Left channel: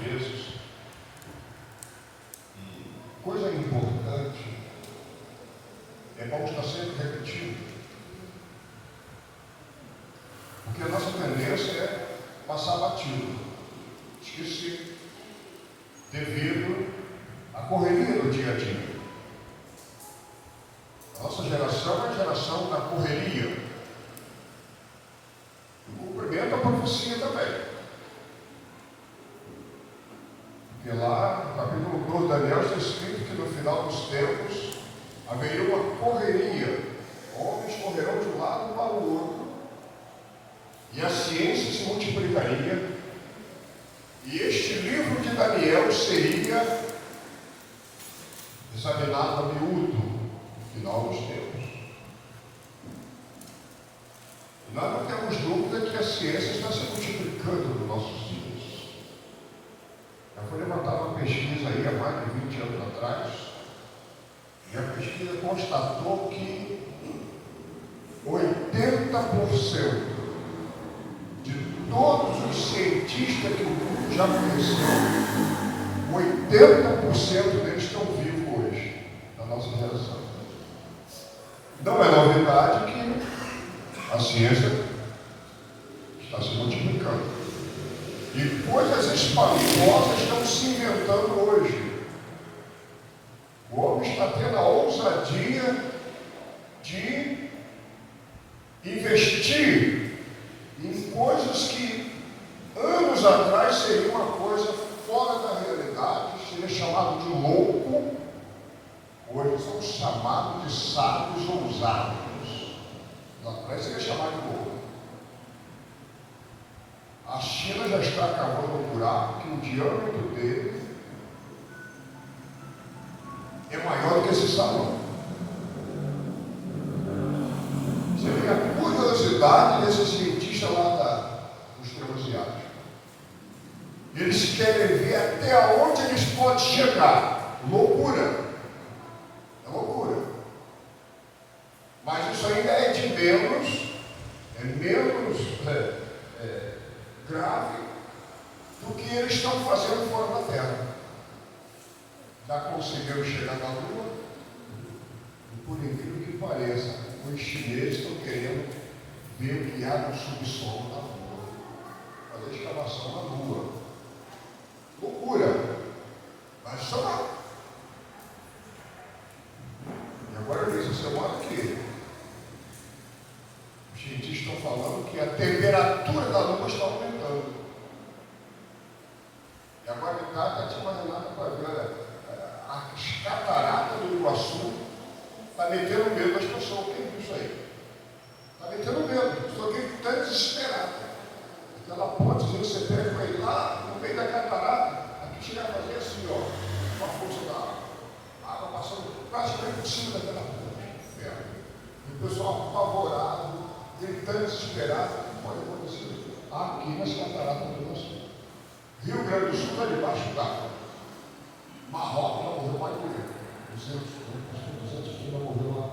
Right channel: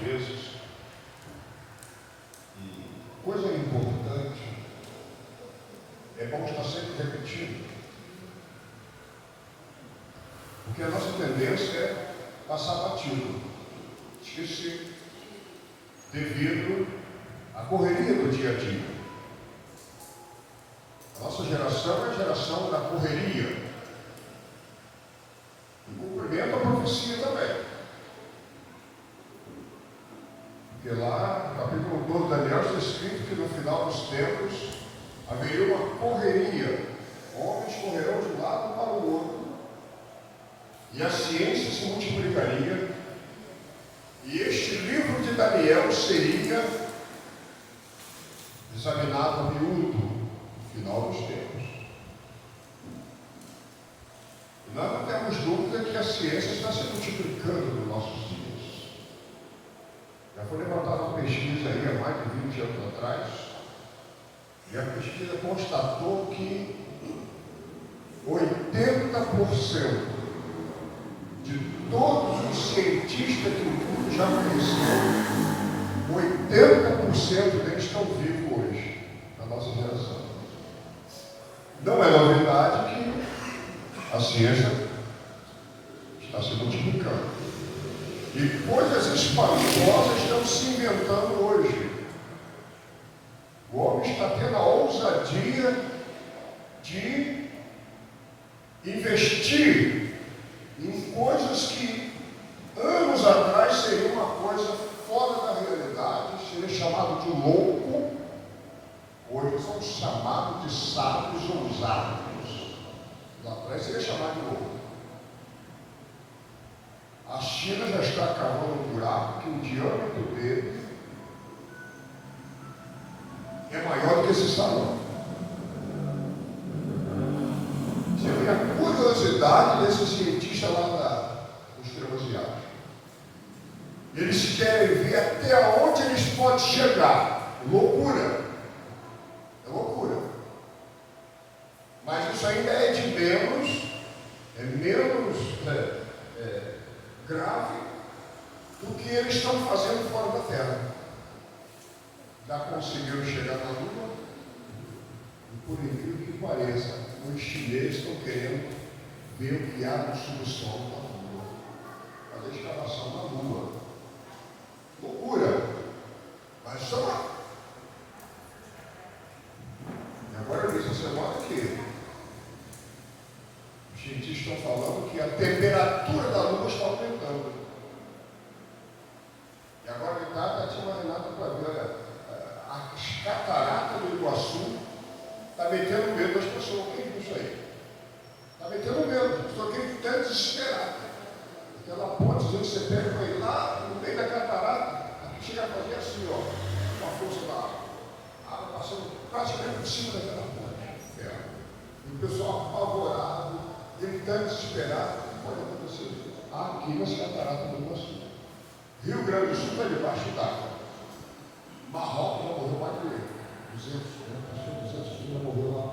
vezes. E coisa importante, é bom estar sempre repetindo. Porque a nossa tendência é passar batido, esquecer, devido à correria do dia a dia. A nossa geração é a geração da correria. E cumprimenta a profecia também. Porque lá, no capítulo 12 de Daniel, está escrito que no final dos tempos haveria uma correria. Homens correrão de um lado para o outro. E a ciência se multiplicaria. E este livro de Daniel seria examinado a miúdo no final dos tempos. E nós não temos dúvida que a ciência está se multiplicando nos nossos dias. Já foi levantada uma pesquisa aí há mais de 20 anos atrás, e a pesquisa constatou que 80% de todos os cientistas que o mundo já conheceu, 80% deles estão vivos hoje, na nossa geração. Não é novidade que a ciência está se multiplicando. E coisas espantosas estão se inventando hoje. O homem está tendo a ousadia de investir em coisas que anos atrás seria uma coisa fora da realidade, seria chamado de louco, hoje são chamados de sábios ousados. Lá atrás seria chamado de louco. A China já está cavando um buraco que o diâmetro dele é maior que esse salão. Você vê a curiosidade desse cientista lá dos transiáticos. Eles querem ver até onde eles podem chegar. Loucura. É loucura. Mas isso ainda é de menos grave do que eles estão fazendo fora da Terra. Já conseguiram chegar na Lua, e por incrível que pareça, os chineses estão querendo ver o que há no subsolo da Lua, fazer escavação na Lua. Loucura! Mas só lá. E agora eu disse essa semana que os cientistas estão falando que a temperatura da Lua está aumentando. E agora em casa tinha uma Renata para ver as cataratas do Iguaçu. Está metendo medo das pessoas. Quem viu isso aí? Está metendo medo. As pessoas estão desesperadas. Aquela pontezinha que você pega para ir lá no meio da catarata, aqui chega a fazer assim, ó, com a força da água. A água passando praticamente por cima daquela ponte. E o pessoal apavorado, gritando, desesperado. Olha o que aconteceu aqui nas cataratas do Iguaçu. Rio Grande do Sul está debaixo d'água. Marrocos já morreu mais de 200 já morreu lá.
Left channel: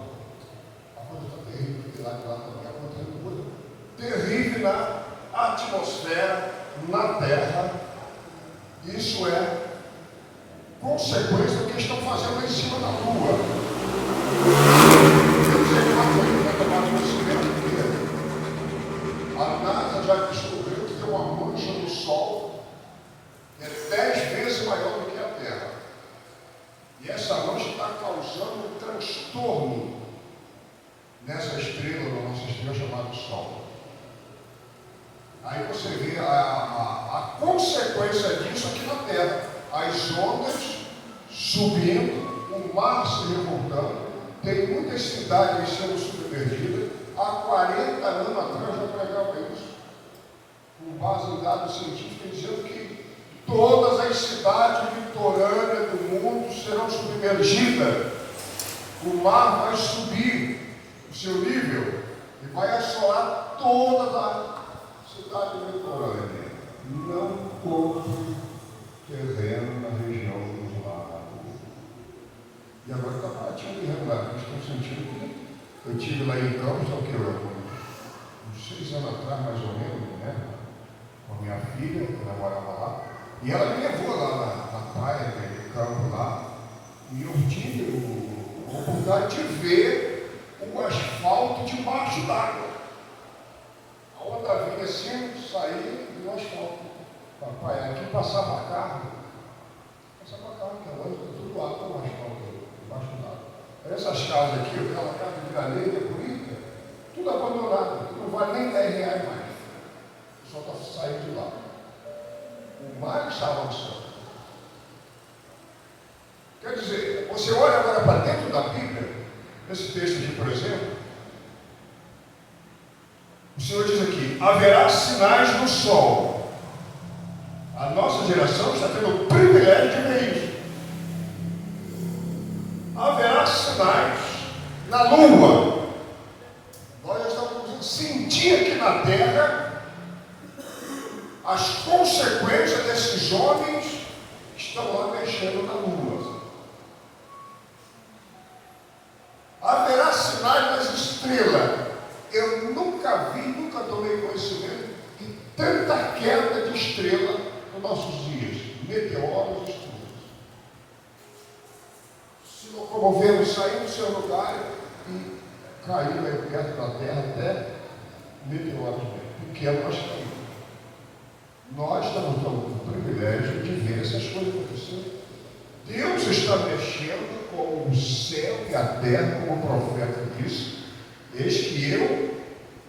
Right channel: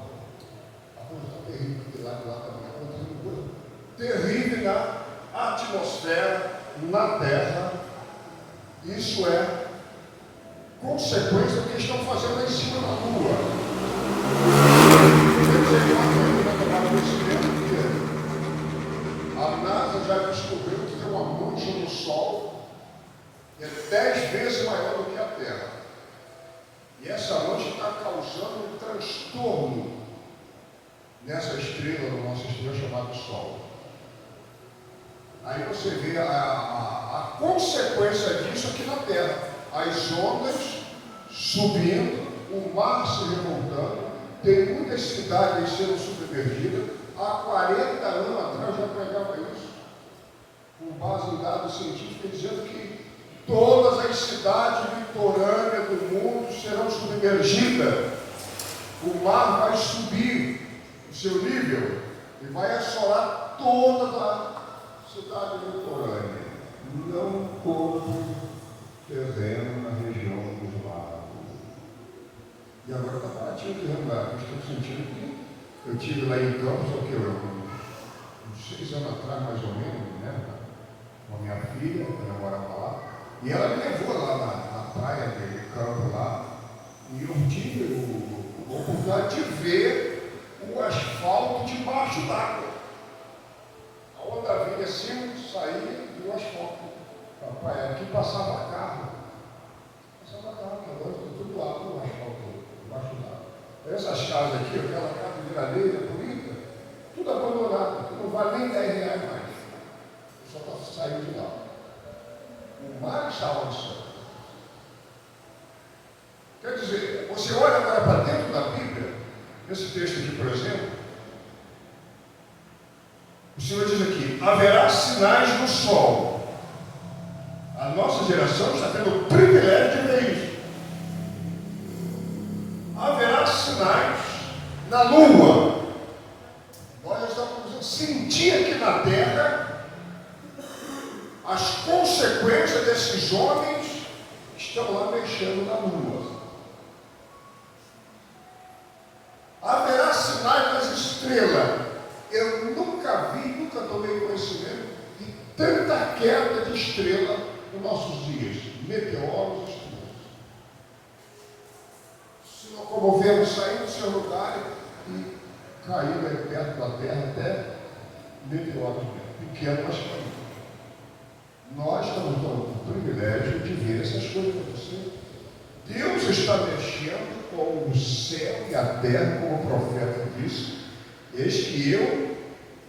A coisa está terrível, lá também. Agora está uma coisa terrível na atmosfera, na Terra. Isso é consequência do que estão fazendo em cima da Lua. A NASA já descobriu que tem uma mancha no Sol que é 10 vezes maior do que a Terra. E essa mancha está causando um transtorno nessa estrela, na nossa estrela chamada Sol. Aí você vê a consequência disso aqui na Terra. As ondas subindo, o mar se revoltando, tem muitas cidades sendo submergidas. Há 40 anos atrás já pregava isso, com base em dados científicos, dizendo que todas as cidades litorâneas do mundo serão submergidas. O mar vai subir o seu nível e vai assolar toda a cidade litorânea. Não compre terreno na região dos lagos. E agora está baratinho o terreno lá. Estou sentindo que eu estive lá em Campos, só que uns 6 anos atrás, mais ou menos, né? Com a minha filha, que ela morava lá. E ela me levou lá na praia, no campo lá, e eu tive a oportunidade de ver o asfalto debaixo d'água. A onda vinha assim, saía e o asfalto. Papai, aqui passava carro, que é longe, tudo lá com o asfalto debaixo d'água. Essas casas aqui, aquela casa de areia bonita, tudo abandonado, não vale nem R$10 mais. Só está saindo de lá. O mar estava no céu. Quer dizer, você olha agora para dentro da Bíblia, nesse texto aqui, por exemplo, o Senhor diz aqui: haverá sinais no sol. A nossa geração está tendo o privilégio de ver isso. Haverá sinais na lua. Nós já estamos sentindo aqui na terra as consequências desses homens que estão lá mexendo na lua. Haverá sinais nas estrelas. Eu nunca vi, nunca tomei conhecimento de tanta queda de estrela nos nossos dias. Meteoros e estrelas. Se locomovemos, saímos do seu lugar e caíram aí perto da terra até meteoros pequenos, mas caíram. Nós estamos dando o privilégio de ver essas coisas acontecer. Deus está mexendo com o céu e a terra, como o profeta disse: eis que eu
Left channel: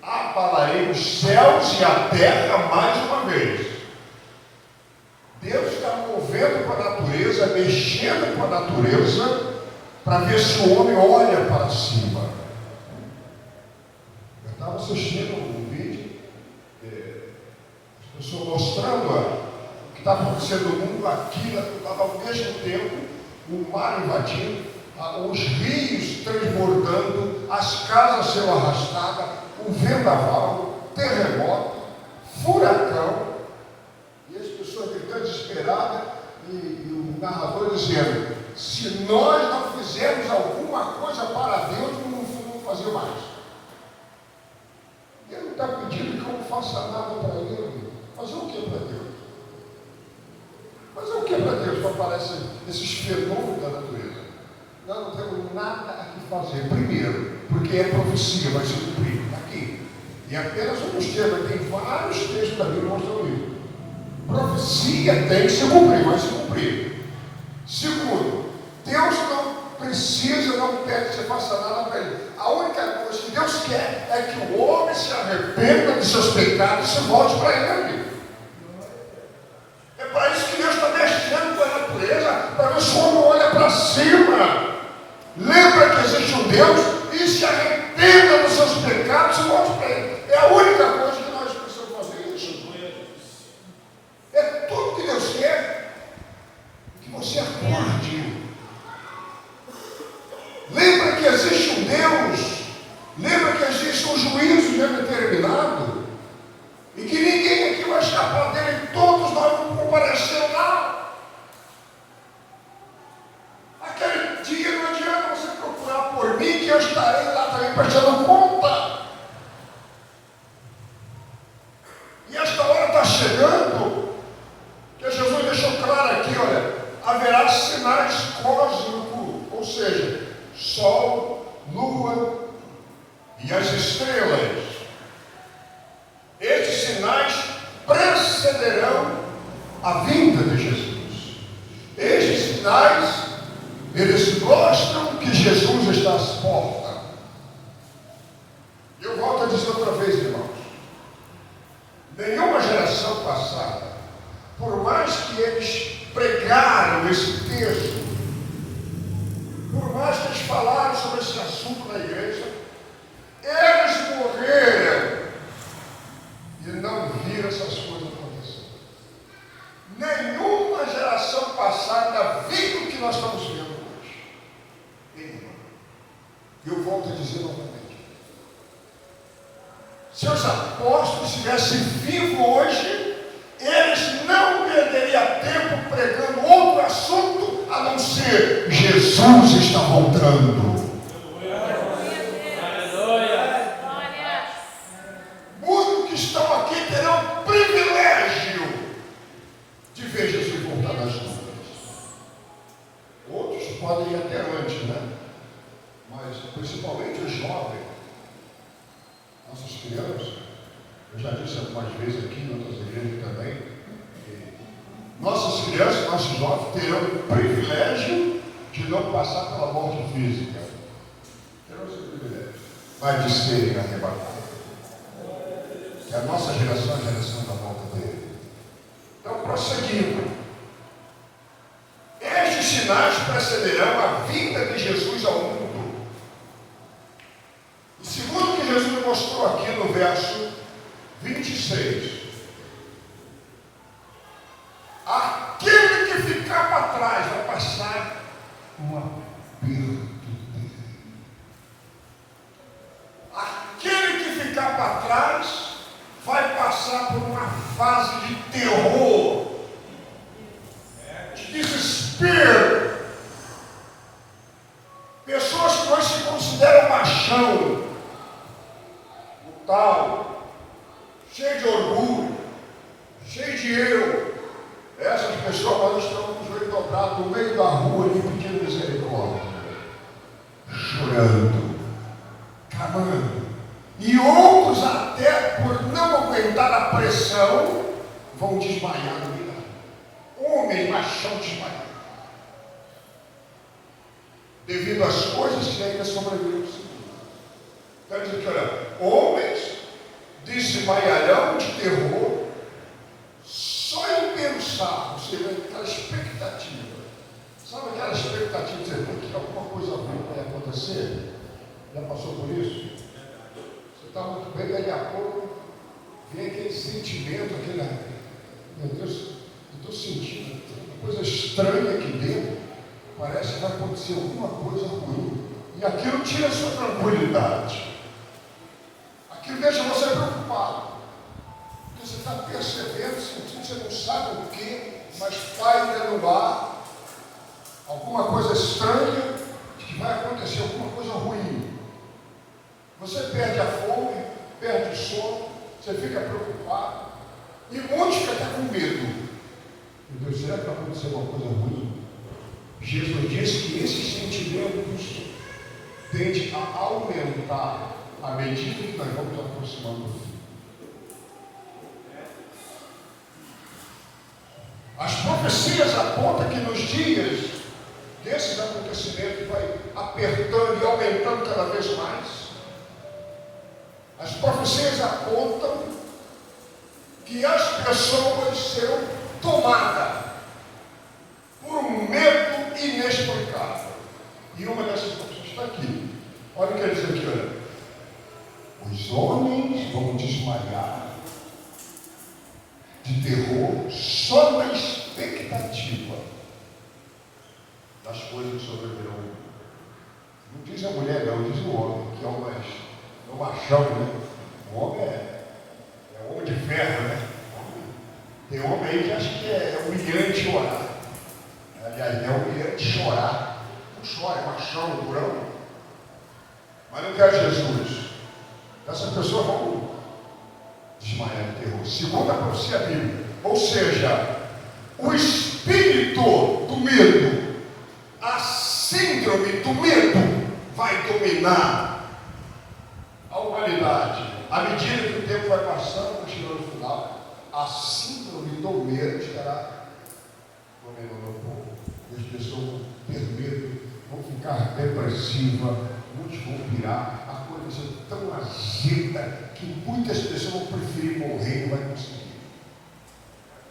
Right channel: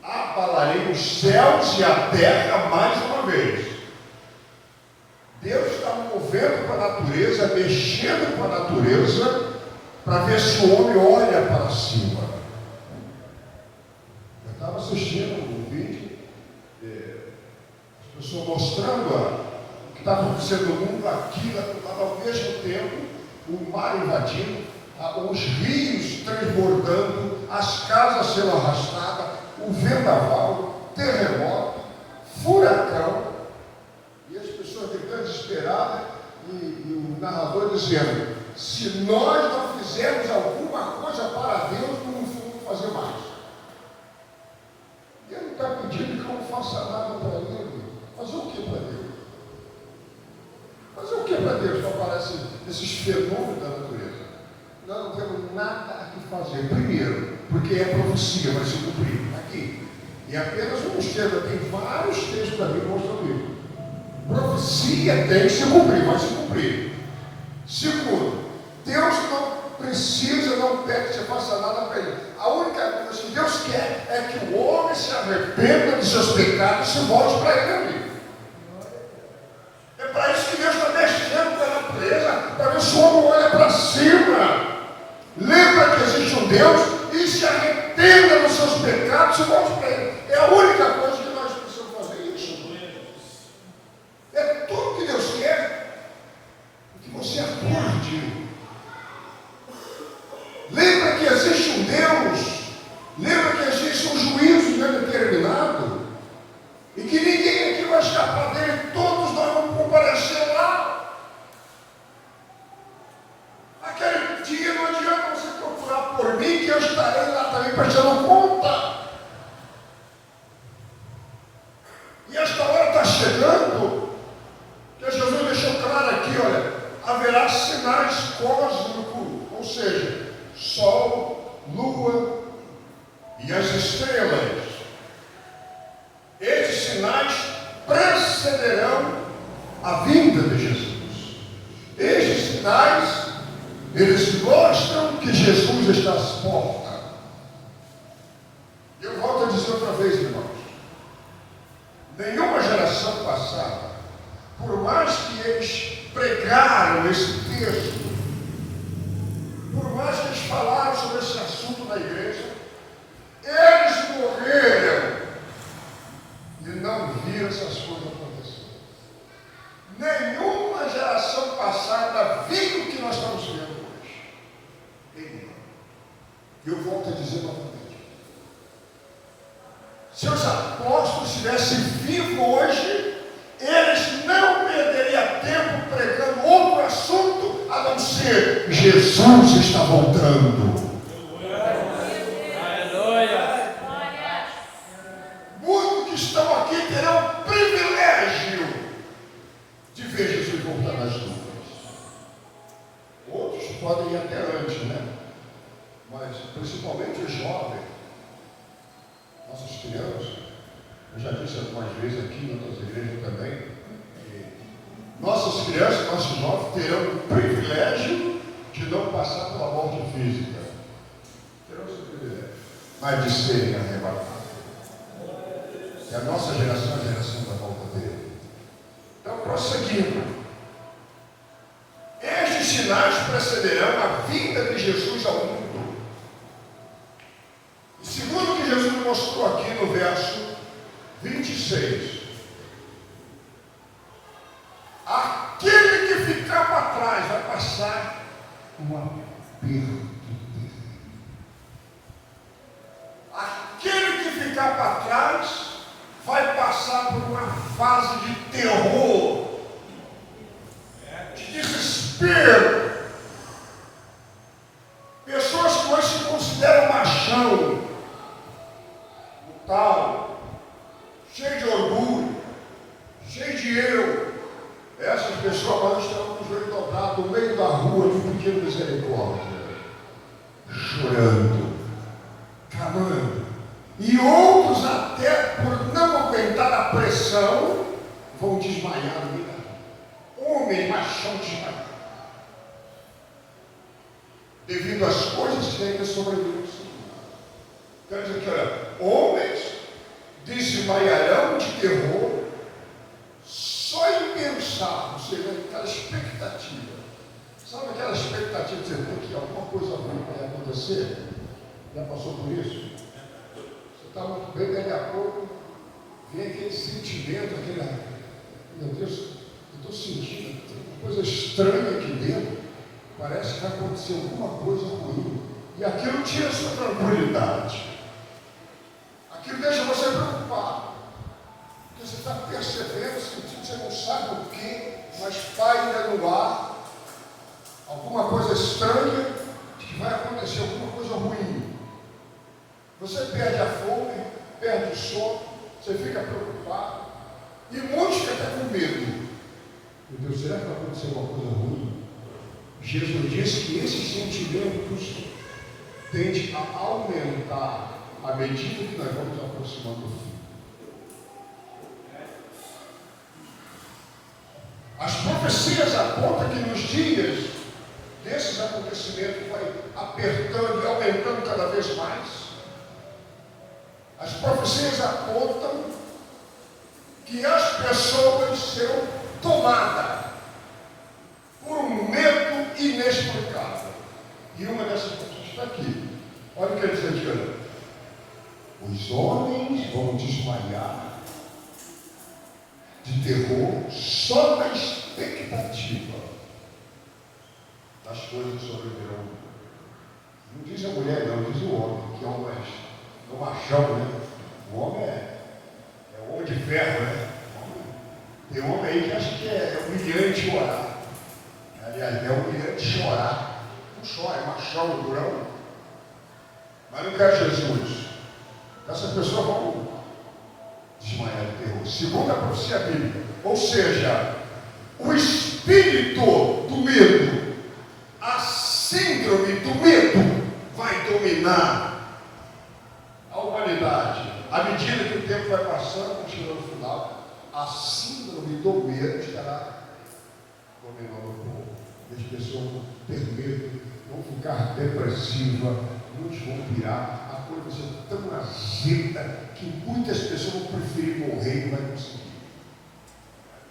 abalarei os céus e a terra mais uma vez. Deus está movendo com a natureza, mexendo com a natureza, para ver se o homem olha para cima. Eu estava assistindo um vídeo, as pessoas mostrando o que estava acontecendo no mundo aqui, estava ao mesmo tempo o mar invadindo, os rios transbordando, as casas sendo arrastadas, o vendaval, terremoto, furacão, e as pessoas ficando desesperadas, e o narrador dizendo: se nós não fizermos alguma coisa para Deus, não vamos fazer mais. Deus não está pedindo que eu não faça nada para Ele. Fazer o que para Deus? Fazer o que para Deus que aparece esses fenômenos da natureza? Nós não temos nada a que fazer. Primeiro, porque é profecia, vai se cumprir. Aqui. E apenas um dos temas, tem vários textos da Bíblia mostrando isso. Profecia tem que se cumprir, vai se cumprir. Segundo, Deus não precisa, não pede que você faça nada para Ele. A única coisa que Deus quer é que o homem se arrependa dos seus pecados e se volte para Ele, amigo. É para isso que Deus está mexendo com a natureza, para ver se o homem olha para cima. Lembra que existe um Deus e se arrependa dos seus pecados e volte para Ele. É a única coisa que nós precisamos fazer isso. É tudo que Deus quer, que você acorde. Lembra que existe um Deus, lembra que existe um juízo determinado, e que ninguém aqui vai escapar dele, todos nós vamos comparecer lá. Aquele dia não adianta você procurar por mim, que eu estarei lá também prestando conta. E esta hora está chegando, que Jesus deixou claro aqui, olha, haverá sinais cósmicos, ou seja, sol, lua e as estrelas. Estes sinais precederão a vinda de Jesus. Estes sinais, eles mostram que Jesus está às portas. Eu volto a dizer outra vez, irmãos, nenhuma geração passada, por mais que eles pregaram esse texto, por mais que eles falaram sobre esse assunto na igreja, eles morreram e não viram essas coisas acontecer. Nenhuma geração passada viu o que nós estamos vendo hoje. E eu volto a dizer novamente: se os apóstolos estivessem vivos hoje, eles não perderiam tempo pregando outro assunto a não ser Jesus está voltando. Muitos que estão aqui terão o privilégio de ver Jesus. das dúvidas. Outros podem ir até antes, né? Mas principalmente os jovens, nossas crianças, eu já disse algumas vezes aqui em outras igrejas também, que nossas crianças, nossos jovens terão o privilégio de não passar pela morte física. Terão esse privilégio. Mas de serem arrebatados. Que a nossa geração é a geração da volta dele. Então, prosseguindo. Estes sinais precederão a vinda de Jesus ao mundo. E segundo o que Jesus mostrou aqui no verso 26, aquele que ficar para trás vai passar um aperto terrível. Aquele que ficar para trás vai passar por uma fase de terror, de desespero. Pessoas que hoje se consideram machão, brutal, cheio de orgulho, cheio de eu. Essas pessoas quando estão com o joelho dobrado no meio da rua e pedindo misericórdia, chorando, clamando. E outros, até por não aguentar a pressão, vão desmaiar no meio da rua. Homens machão desmaiados, devido às coisas que ainda sobreviveram. Quer dizer que, olha, homens desmaiarão de terror só em pensar, você vê aquela expectativa. Sabe aquela expectativa de dizer que alguma coisa ruim vai acontecer? Já passou por isso? Você está muito bem, daqui a pouco vem aquele sentimento, meu Deus, eu estou sentindo uma coisa estranha aqui dentro, parece que vai acontecer alguma coisa ruim. E aquilo tira a sua tranquilidade. Aquilo deixa você preocupado. Porque você está percebendo, sentindo, você não sabe o que, mas está ainda no ar alguma coisa estranha que vai acontecer, alguma coisa ruim. Você perde a fome, perde o sono, você fica preocupado. E muitos ficam até com medo. Meu Deus, será que vai acontecer alguma coisa ruim? Jesus disse que esses sentimentos tendem a aumentar à medida que nós vamos aproximando do fim. As profecias apontam que nos dias desses acontecimentos vai apertando e aumentando cada vez mais. As profecias apontam que as pessoas serão tomadas por um medo inexplicável. E uma dessas profecias está aqui. Olha o que ele diz aqui, olha. Os homens vão desmaiar de terror só na expectativa das coisas que sobrevirão. Não diz a mulher, não, diz o homem, que é o machão, né? O homem é o homem de ferro, né? Tem homem aí que acha que é humilhante chorar. Aliás, é humilhante chorar. Não chora, é machão, durão. Mas não quer Jesus. Essas pessoas vão desmaiar de terror. Segundo a profecia bíblica. Ou seja, o espírito do medo, a síndrome do medo vai dominar a humanidade. À medida que o tempo vai passando, chegando no final, a síndrome do medo estará dominando o povo. As pessoas vão ter medo, vão ficar depressivas, muitos vão pirar, a coisa vai ser tão azeda que muitas pessoas vão preferir morrer e não vai conseguir.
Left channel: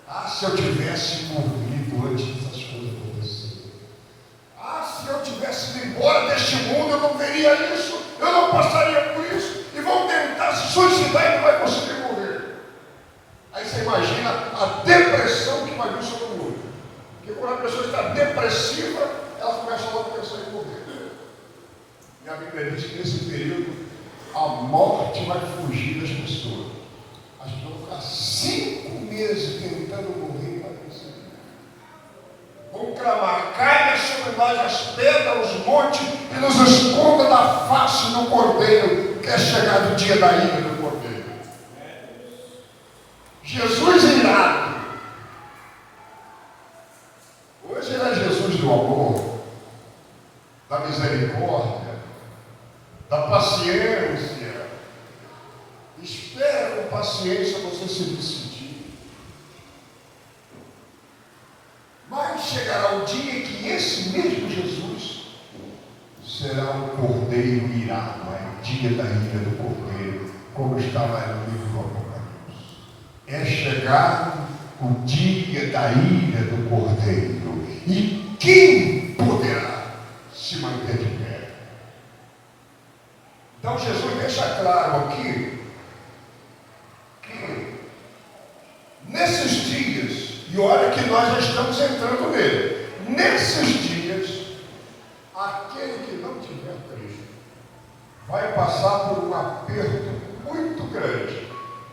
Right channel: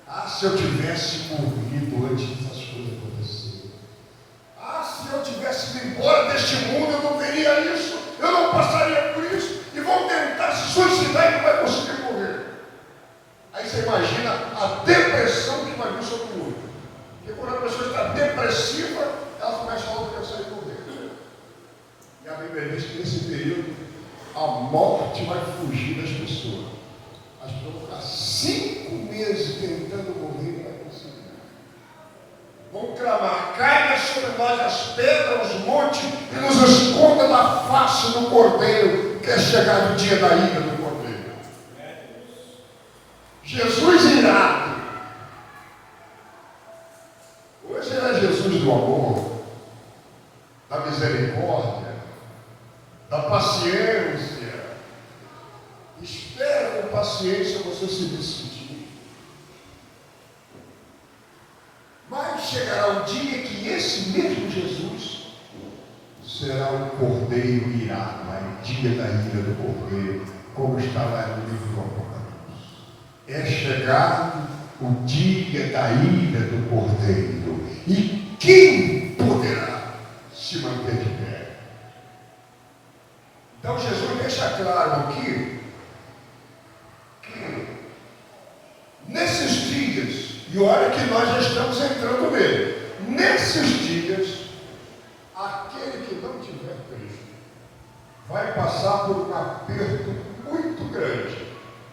Ah, se eu tivesse morrido antes dessas coisas acontecerem. Ah, se eu tivesse ido embora deste mundo, eu não veria isso, eu não passaria por isso, e vão tentar se suicidar e não vai conseguir morrer. Aí você imagina a depressão que vai vir sobre o mundo. Porque quando a pessoa está depressiva, ela começa logo a pensar em morrer. E a Bíblia diz que nesse período a morte vai fugir das pessoas. As pessoas vão ficar 5 meses tentando morrer para conseguir. Vão clamar, caia sobre nós as pedras, os montes e nos esconda da face do Cordeiro, que é chegado o dia da ira do Cordeiro. Jesus irado. Jesus do amor, da misericórdia, da paciência. Espera com paciência você se decidir. Mas chegará o dia que esse mesmo Jesus será um cordeiro irado, é dia da ira do cordeiro, como está lá no livro do Apocalipse. É chegado o dia da ira do cordeiro. E quem poderá se manter de pé? Então Jesus deixa claro aqui que nesses dias, e olha que nós já estamos entrando nele, nesses dias, aquele que não tiver Cristo vai passar por um aperto muito grande.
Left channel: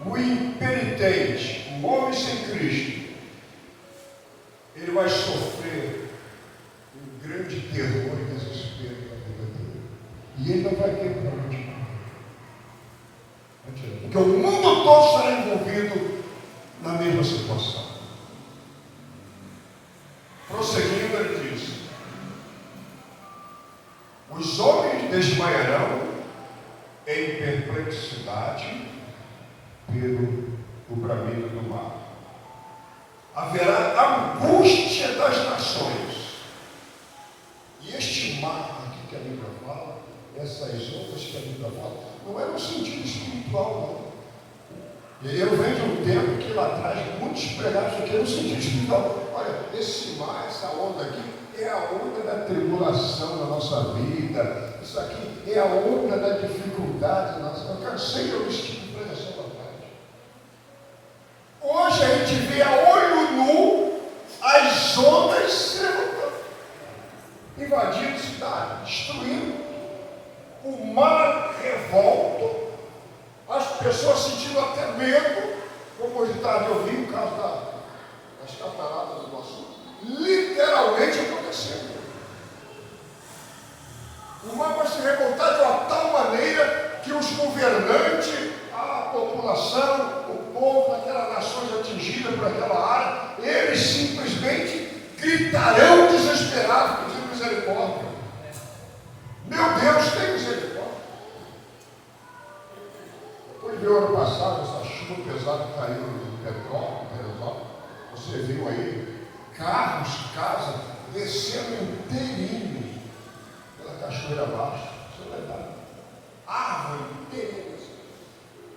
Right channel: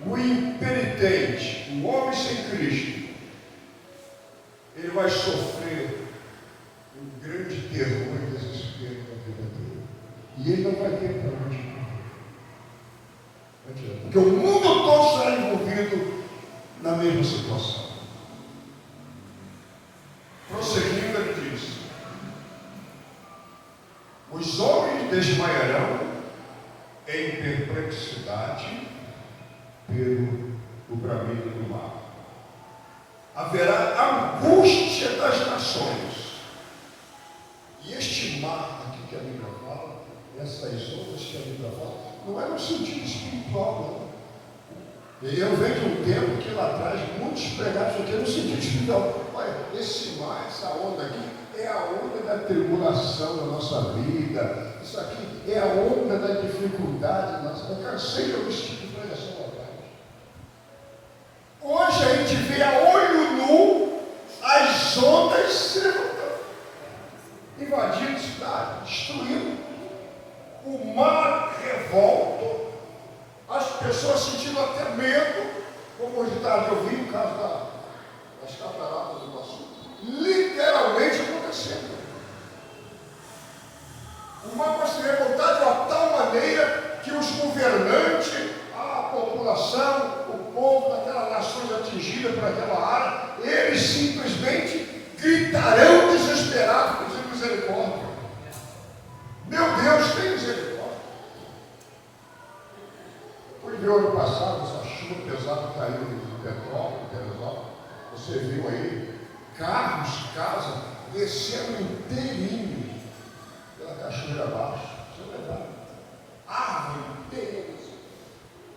O impenitente, o homem sem Cristo, ele vai sofrer um grande terror e desespero na vida dele. E ele não vai ter para onde correr. Porque o mundo todo será envolvido na mesma situação. Prosseguindo, ele diz: os homens desmaiarão em perplexidade pelo bramido do mar. Haverá angústia das nações. E este mar aqui que a Bíblia fala, essas ondas que a Bíblia fala, não é no sentido espiritual, não. Eu vejo um tempo que lá atrás muitos pregaram isso aqui no sentido espiritual. Olha, esse mar, essa onda aqui, é a onda da tribulação da nossa vida. Isso aqui é a onda da dificuldade da nossa vida. Eu cansei de ouvir esse tipo de pregação lá atrás. Hoje a gente vê a olho nu as ondas sendo invadindo cidade, destruindo. O mar revolto, as pessoas sentindo até medo, como hoje tarde eu vi o caso das cataratas do Iguaçu, literalmente acontecendo. O mar vai se revoltar de uma tal maneira que os governantes, a população, o povo daquelas nações atingidas por aquela área, eles simplesmente gritarão desesperados, pedindo misericórdia. Meu Deus, tem misericórdia. Depois de ano passado, essa chuva pesada que caiu no petróleo, você viu aí, carros, casas, descendo inteirinho pela cachoeira abaixo. Você vai dar árvore inteira,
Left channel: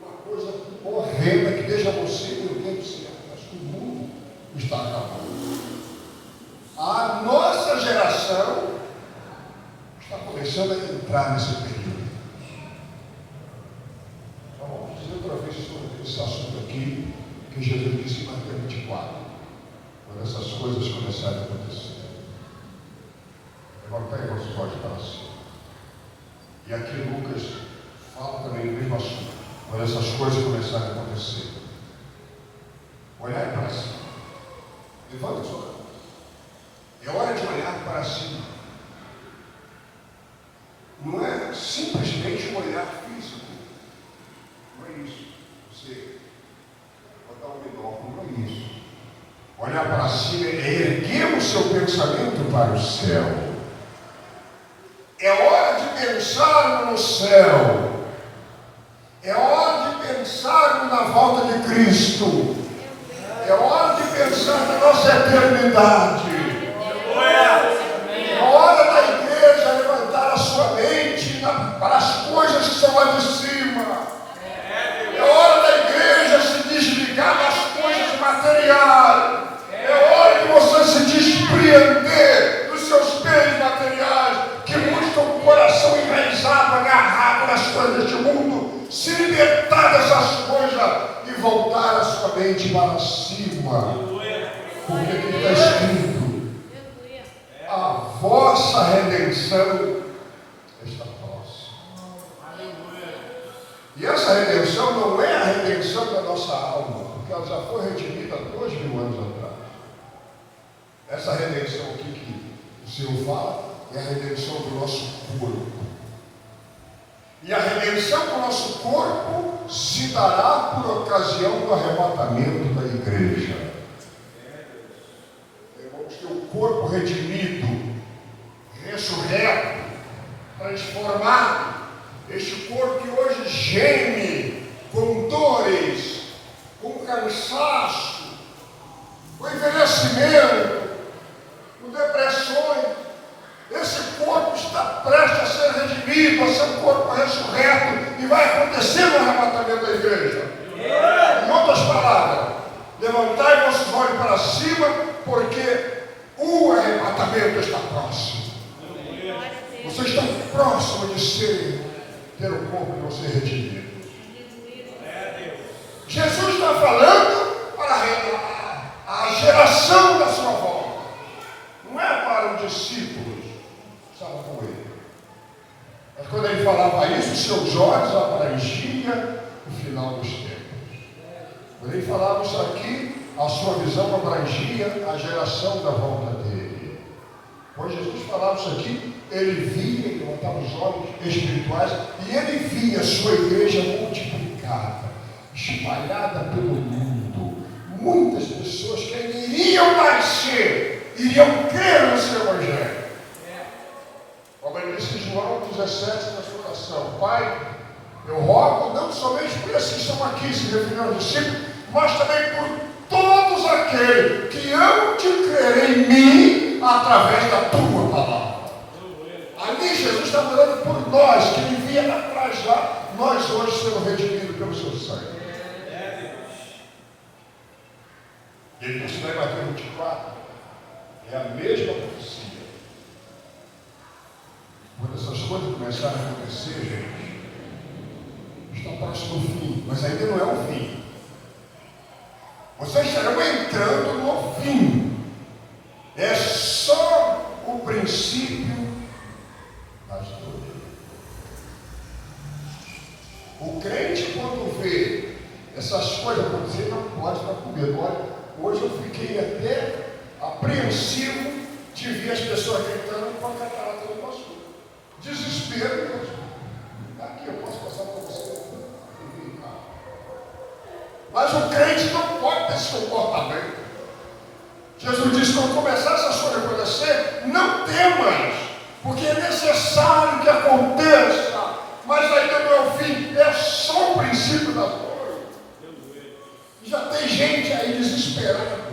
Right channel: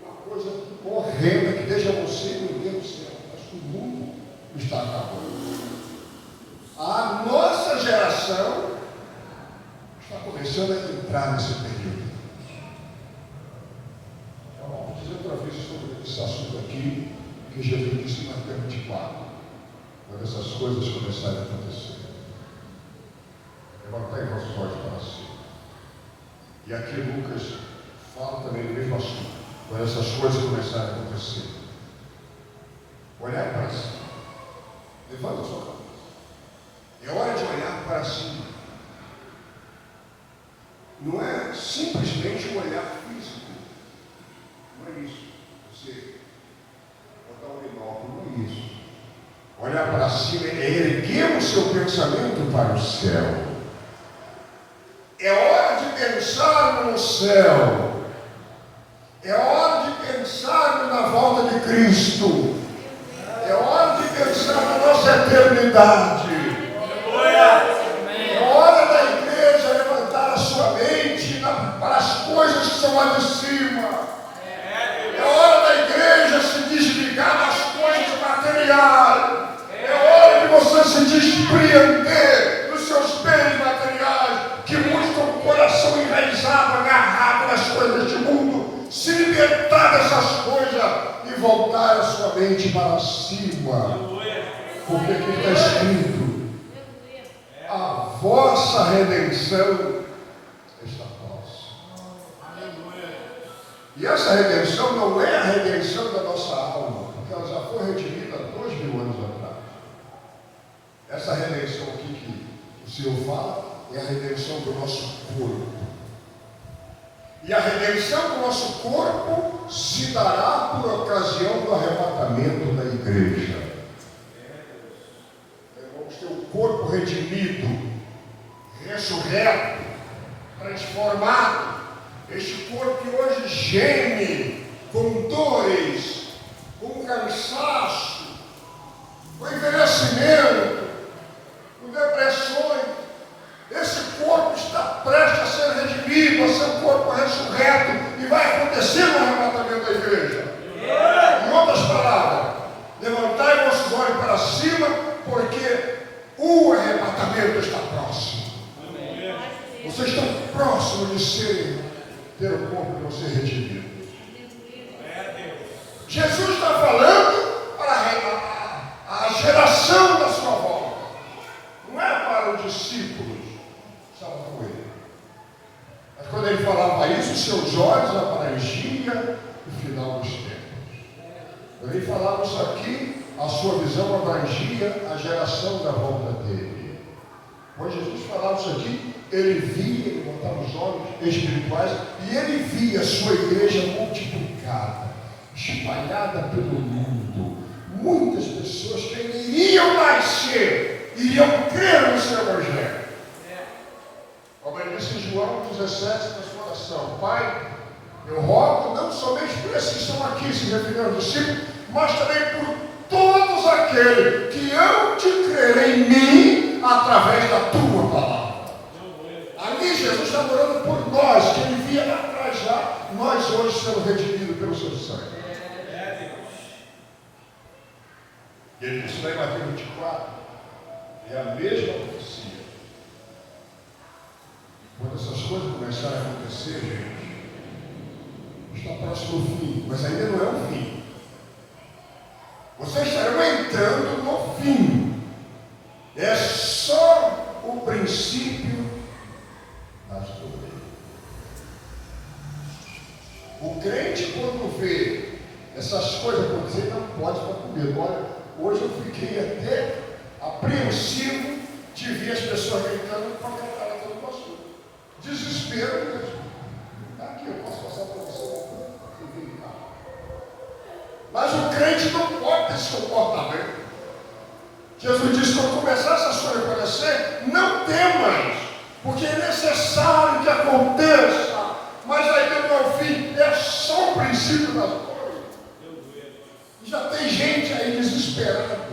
uma coisa horrenda que deixa você, meu Deus do céu, mas o mundo está acabando. A nossa geração está começando a entrar nesse período. Então, vamos dizer outra vez sobre esse assunto aqui, que Jesus disse em Mateus 24, quando essas coisas começarem a acontecer. Levantai vossos olhos para cima. E aqui Lucas fala também do mesmo assunto, quando essas coisas começarem a acontecer. Olhar para cima. Levanta a sua cabeça. É hora de olhar para cima. Não é simplesmente um olhar físico. Não é isso. Você botar um binóculo, não é isso. Olhar para cima é erguer o seu pensamento para o céu. É hora de pensar no céu. É hora de pensar na volta de Cristo. É hora de pensar na nossa eternidade. É hora da igreja levantar a sua mente para as coisas que estão lá de cima. É hora da igreja se desligar das coisas materiais. É hora de você se despreender dos seus bens materiais, que muitos estão com o coração enraizado, agarrado nas coisas deste mundo. Se libertar dessas coisas e voltar a sua mente para cima. Porque aqui está escrito: a vossa redenção está próxima. E essa redenção não é a redenção da nossa alma, porque ela já foi redimida há 2000 anos atrás. Essa redenção aqui que o Senhor fala é a redenção do nosso corpo. E a redenção do nosso corpo se dará por ocasião do arrebatamento da igreja. Eu vou ter o corpo redimido, ressurreto, transformado. Este corpo que hoje geme com dores, com cansaço, com envelhecimento, com depressões. Esse corpo está prestes a ser redimido, a ser um corpo ressurreto, e vai acontecer no arrebatamento da igreja. Em outras palavras, levantai vossos olhos para cima, porque o arrebatamento está próximo. Vocês estão próximos de ter o corpo de você redimido. Jesus está falando para a geração da sua volta. Não é para os discípulos que estavam com ele. Mas quando ele falava isso, seus olhos abrangiam o final dos tempos. Quando ele falava isso aqui, a sua visão abrangia a geração da volta dele. Quando Jesus falava isso aqui, ele via, ele botava os olhos espirituais, e ele via a sua igreja multiplicada, espalhada pelo mundo. Muitas pessoas que iriam nascer, iriam crer no seu evangelho. Como ele disse em João 17, na sua oração: Pai, eu rogo não somente por esses que estão aqui, se referindo aos discípulos, mas também por todos aqueles que hão de crer em mim através da tua palavra. Ali Jesus está orando por nós, que ele via atrás lá, nós hoje sermos redimidos pelo seu sangue. E ele disse lá em Mateus 24, é a mesma profecia. Quando essas coisas começarem a acontecer, gente, está próximo do fim, mas ainda não é o fim. Vocês estarão entrando no fim. É só o princípio das dores. O crente, quando vê essas coisas acontecerem, não pode ficar com medo. Olha, hoje eu fiquei até apreensivo de ver as pessoas gritando com a cara do pastor. Desespero mesmo. Aqui eu posso passar para você. Mas o crente não pode ter esse comportamento. Jesus disse: quando começar essas coisas a acontecer, não temas, porque é necessário que aconteça, mas ainda não é o fim, é só o princípio das dores. Já tem gente aí desesperada.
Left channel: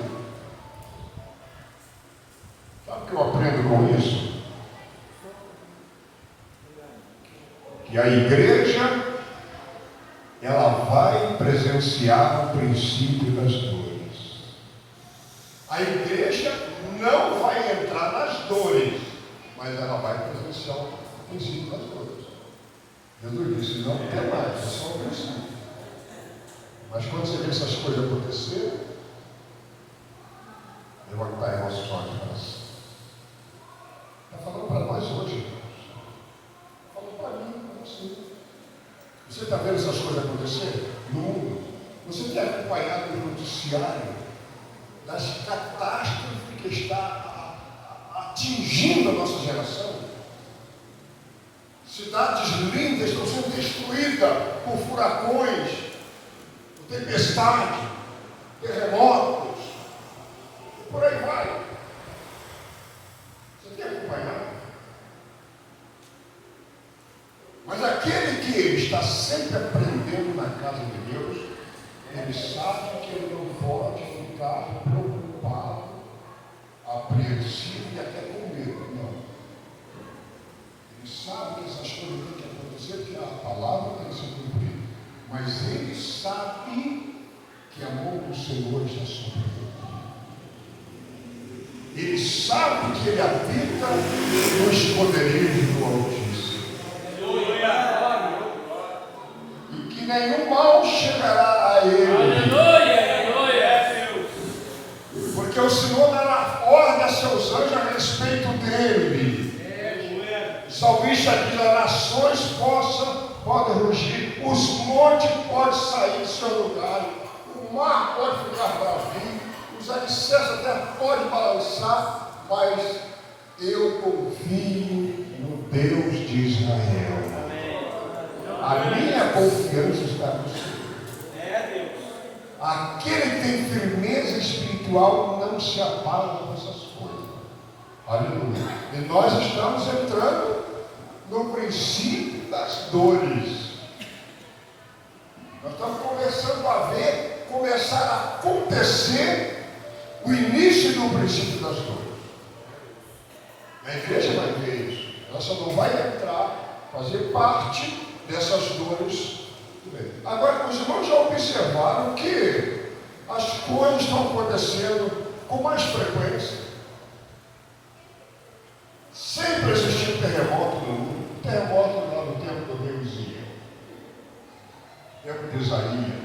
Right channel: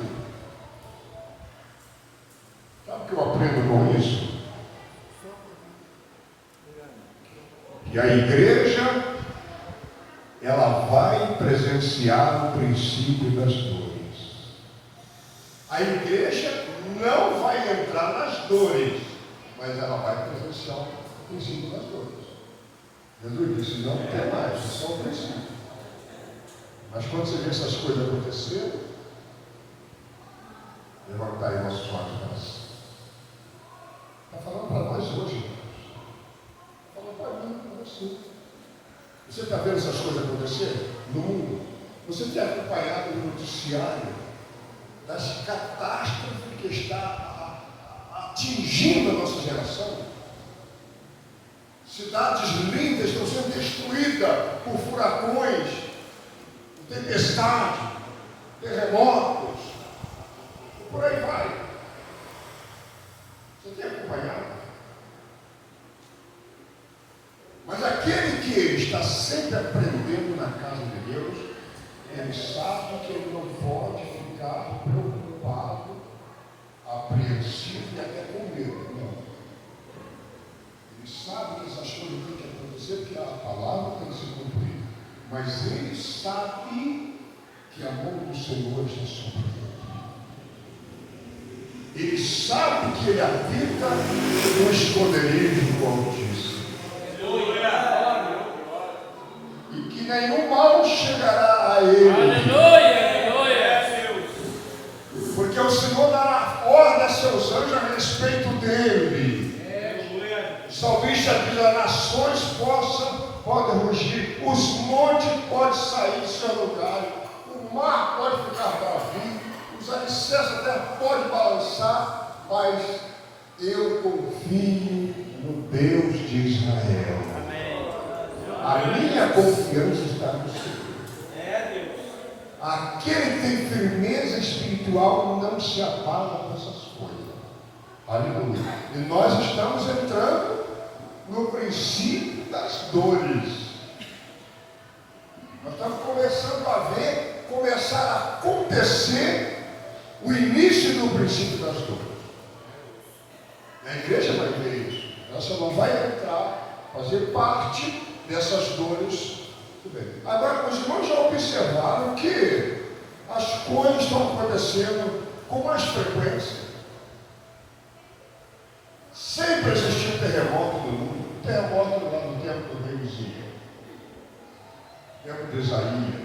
Sabe o que eu aprendo com isso? Que a igreja, ela vai presenciar o princípio das dores. A igreja não vai entrar nas dores, mas ela vai presenciar o princípio das dores. Jesus disse: não tem mais, é só o princípio. Mas quando você vê essas coisas acontecerem, levantai vossos olhos para cima. Está falando para nós hoje, irmãos. Está falando para mim, para você. Você está vendo essas coisas acontecer no mundo? Você tem acompanhado o noticiário das catástrofes que está atingindo a nossa geração? Cidades lindas estão sendo destruídas por furacões, por tempestade, terremotos, e por aí vai. Você tem acompanhado? Mas aquele que está sempre aprendendo na casa de Deus, ele sabe que ele não pode ficar preocupado, apreensivo e até com medo. Não. Ele sabe que essas coisas têm que acontecer, porque a palavra tem que ser cumprida. Mas ele sabe que a mão do Senhor está sobre ele. Ele sabe que ele habita no esconderijo do Altíssimo. E que nenhum mal chegará a ele. Porque o Senhor dará ordem a seus anjos a respeito dele. O salmista diz: as nações podem rugir, os montes podem sair do seu lugar, o mar pode ficar bravio, os alicerces da terra podem balançar, mas eu confio no Deus de Israel. A minha confiança está no Senhor. Aquele que tem firmeza espiritual espiritual não se abala com essas coisas. Aleluia. E nós estamos entrando no princípio das dores. Nós estamos começando a ver, começar a acontecer o início do princípio das dores. A igreja vai ver isso. Ela só não vai entrar, fazer parte dessas dores. Agora, os irmãos já observaram que as coisas estão acontecendo com mais frequência. Sempre existiu terremoto no mundo. Terremoto lá no tempo do rei Uzias, tempo de Isaías.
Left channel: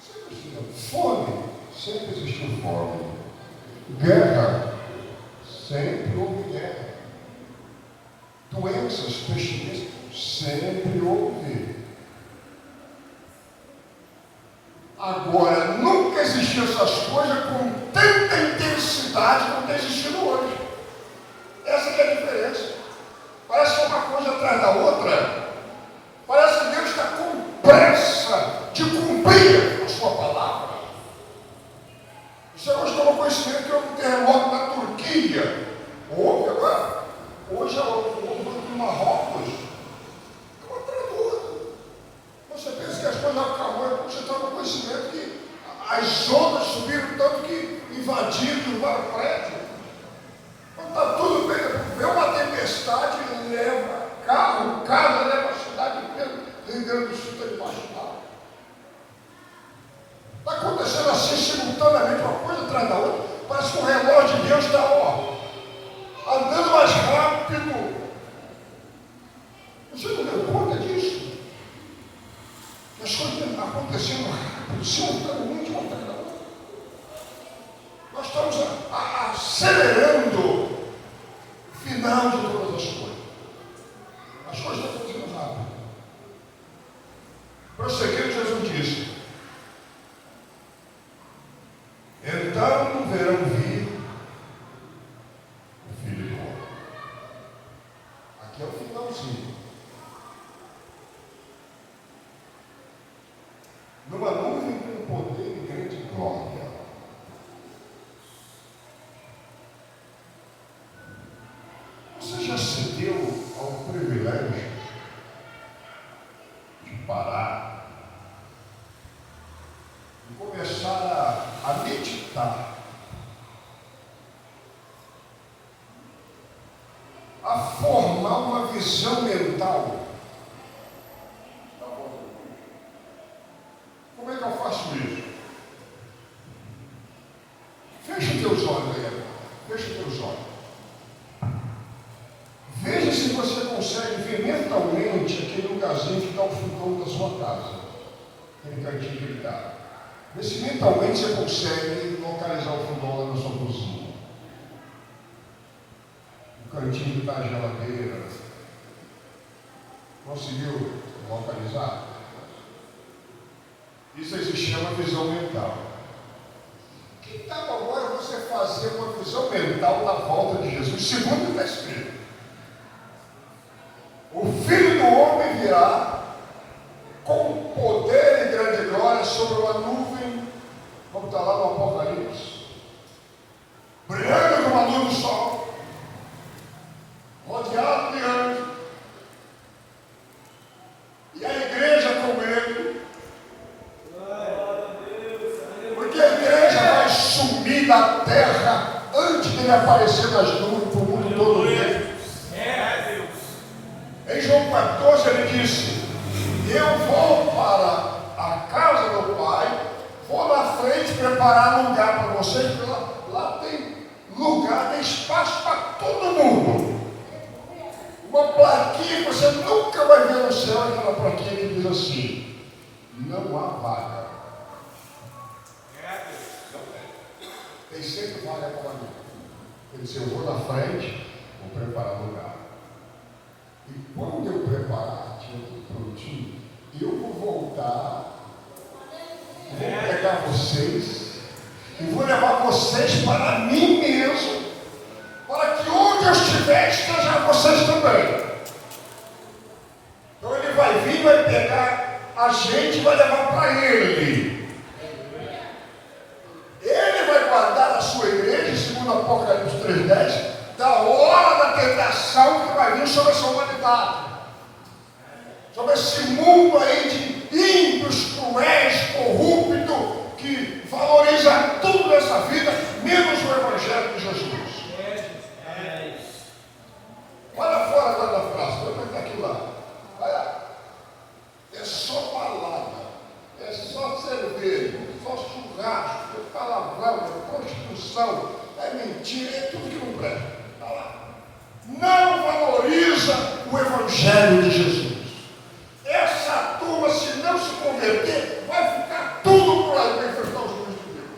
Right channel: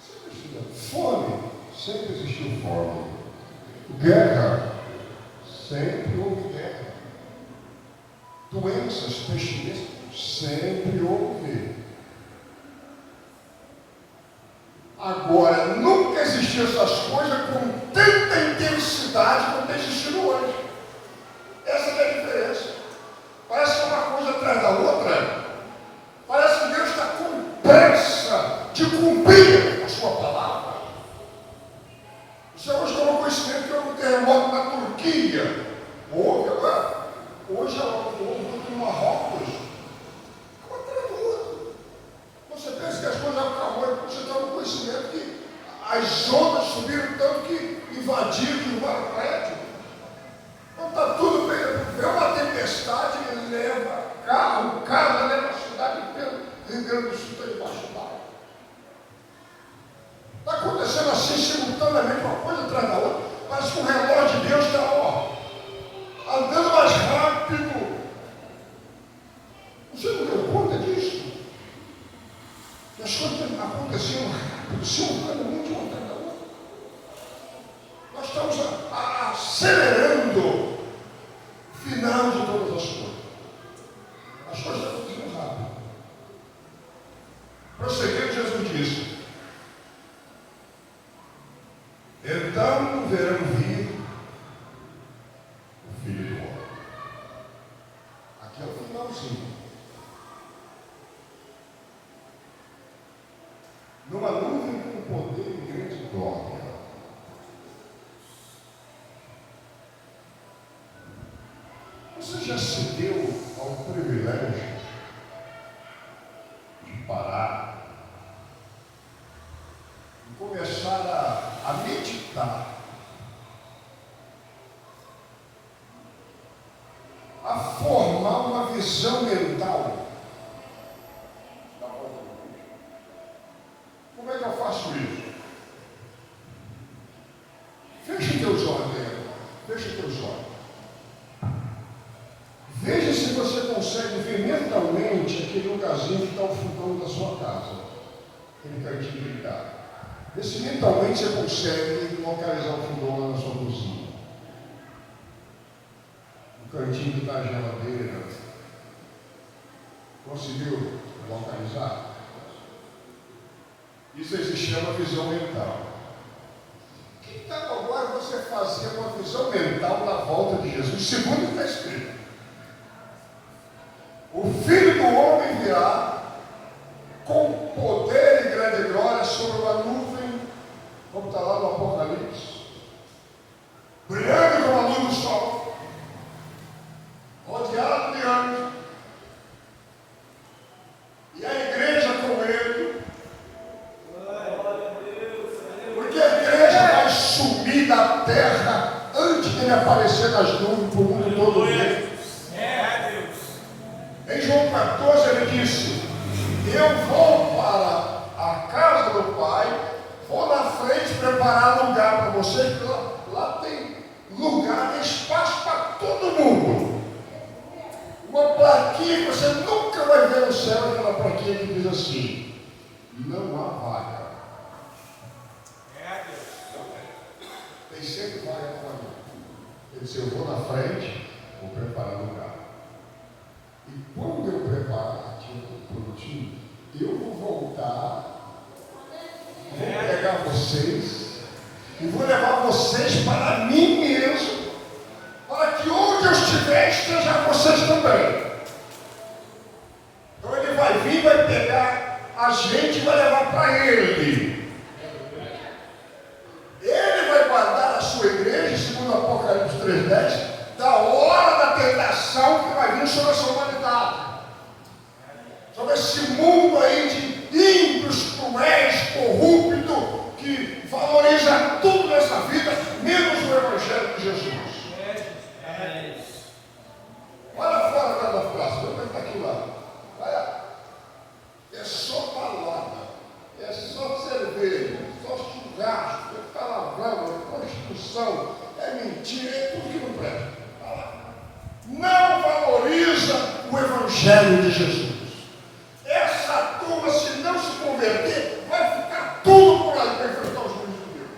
Sempre existiu fome. Sempre existiu fome. Guerra. Sempre houve guerra. Doenças, pestilências. Sempre houve. Agora, nunca existiu essas coisas com tanta intensidade como está existindo hoje. Essa que é a diferença. Parece que é uma coisa atrás da outra. Parece que Deus está com pressa de cumprir a sua palavra. O Senhor nos tomou conhecimento que houve um terremoto na Turquia. Houve agora. Hoje houve em Marrocos. Um atrás do outro. Você pensa que as coisas acabam, você está no conhecimento que as ondas subiram tanto que invadiram o prédio. Então está tudo bem. Vê uma tempestade e leva carro, casa leva a cidade inteira. Rio Grande do Sul está debaixo d'água. Está acontecendo assim simultaneamente, uma coisa atrás da outra. Parece que o relógio de Deus está andando mais rápido. Você não deu conta disso? As coisas acontecendo rápido, simultaneamente uma atrás da outra. Nós estamos acelerando o final de todas as coisas. As coisas estão acontecendo rápido. Prosseguindo, Jesus disse: então verão vir o Filho do Homem. Aqui é o finalzinho. Numa nuvem com poder e grande glória. Você já se deu ao privilégio de parar e começar a meditar, a formar uma visão mental? Como é que eu faço isso? Feche teus olhos, feche teus olhos. Veja se você consegue ver mentalmente aquele lugarzinho que está ao fundão da sua casa, aquele cantinho que ele está. Vê se mentalmente você consegue localizar o fundão lá na sua cozinha. O cantinho que está a geladeira. Conseguiu localizar? Isso se chama visão mental. Que tal agora você fazer uma visão mental na volta de Jesus? Segundo está escrito: o Filho do Homem virá com poder e grande glória sobre uma nuvem, como está lá no Apocalipse, brilhando como a luz do sol, rodeado de anjos, e a igreja com ele. Porque a igreja vai sumir da terra antes de ele aparecer nas nuvens para o mundo todo ver. Em João 14 ele disse: eu vou para a casa do Pai, vou na frente preparar lugar para vocês, porque lá tem lugar, tem espaço para todo mundo. Uma plaquinha que você nunca vai ver no céu, aquela plaquinha que diz assim: não há vaga. Tem sempre vaga para mim. Ele disse: eu vou na frente, vou preparar lugar. E quando eu preparar, tinha tudo prontinho, eu vou voltar, vou pegar vocês e vou levar vocês para mim mesmo, para que onde eu estiver, esteja vocês também. Então ele vai vir, vai pegar a gente e vai levar para ele. sua igreja, segundo Apocalipse 3:10, da hora da tentação que vai vir sobre essa humanidade. Sobre esse mundo aí de ímpios, cruéis, corruptos, que valoriza tudo nessa vida, menos o Evangelho de Jesus. Olha fora lá da praça, como é que está aqui lá? Olha, é só palavra, é só cerveja, só churrasco, é palavrão, é prostituição, é mentira, é tudo que não presta. Olha lá. Não valoriza o Evangelho de Jesus. Essa turma, se não se converter, vai ficar tudo por aí para enfrentar os juízos de Deus.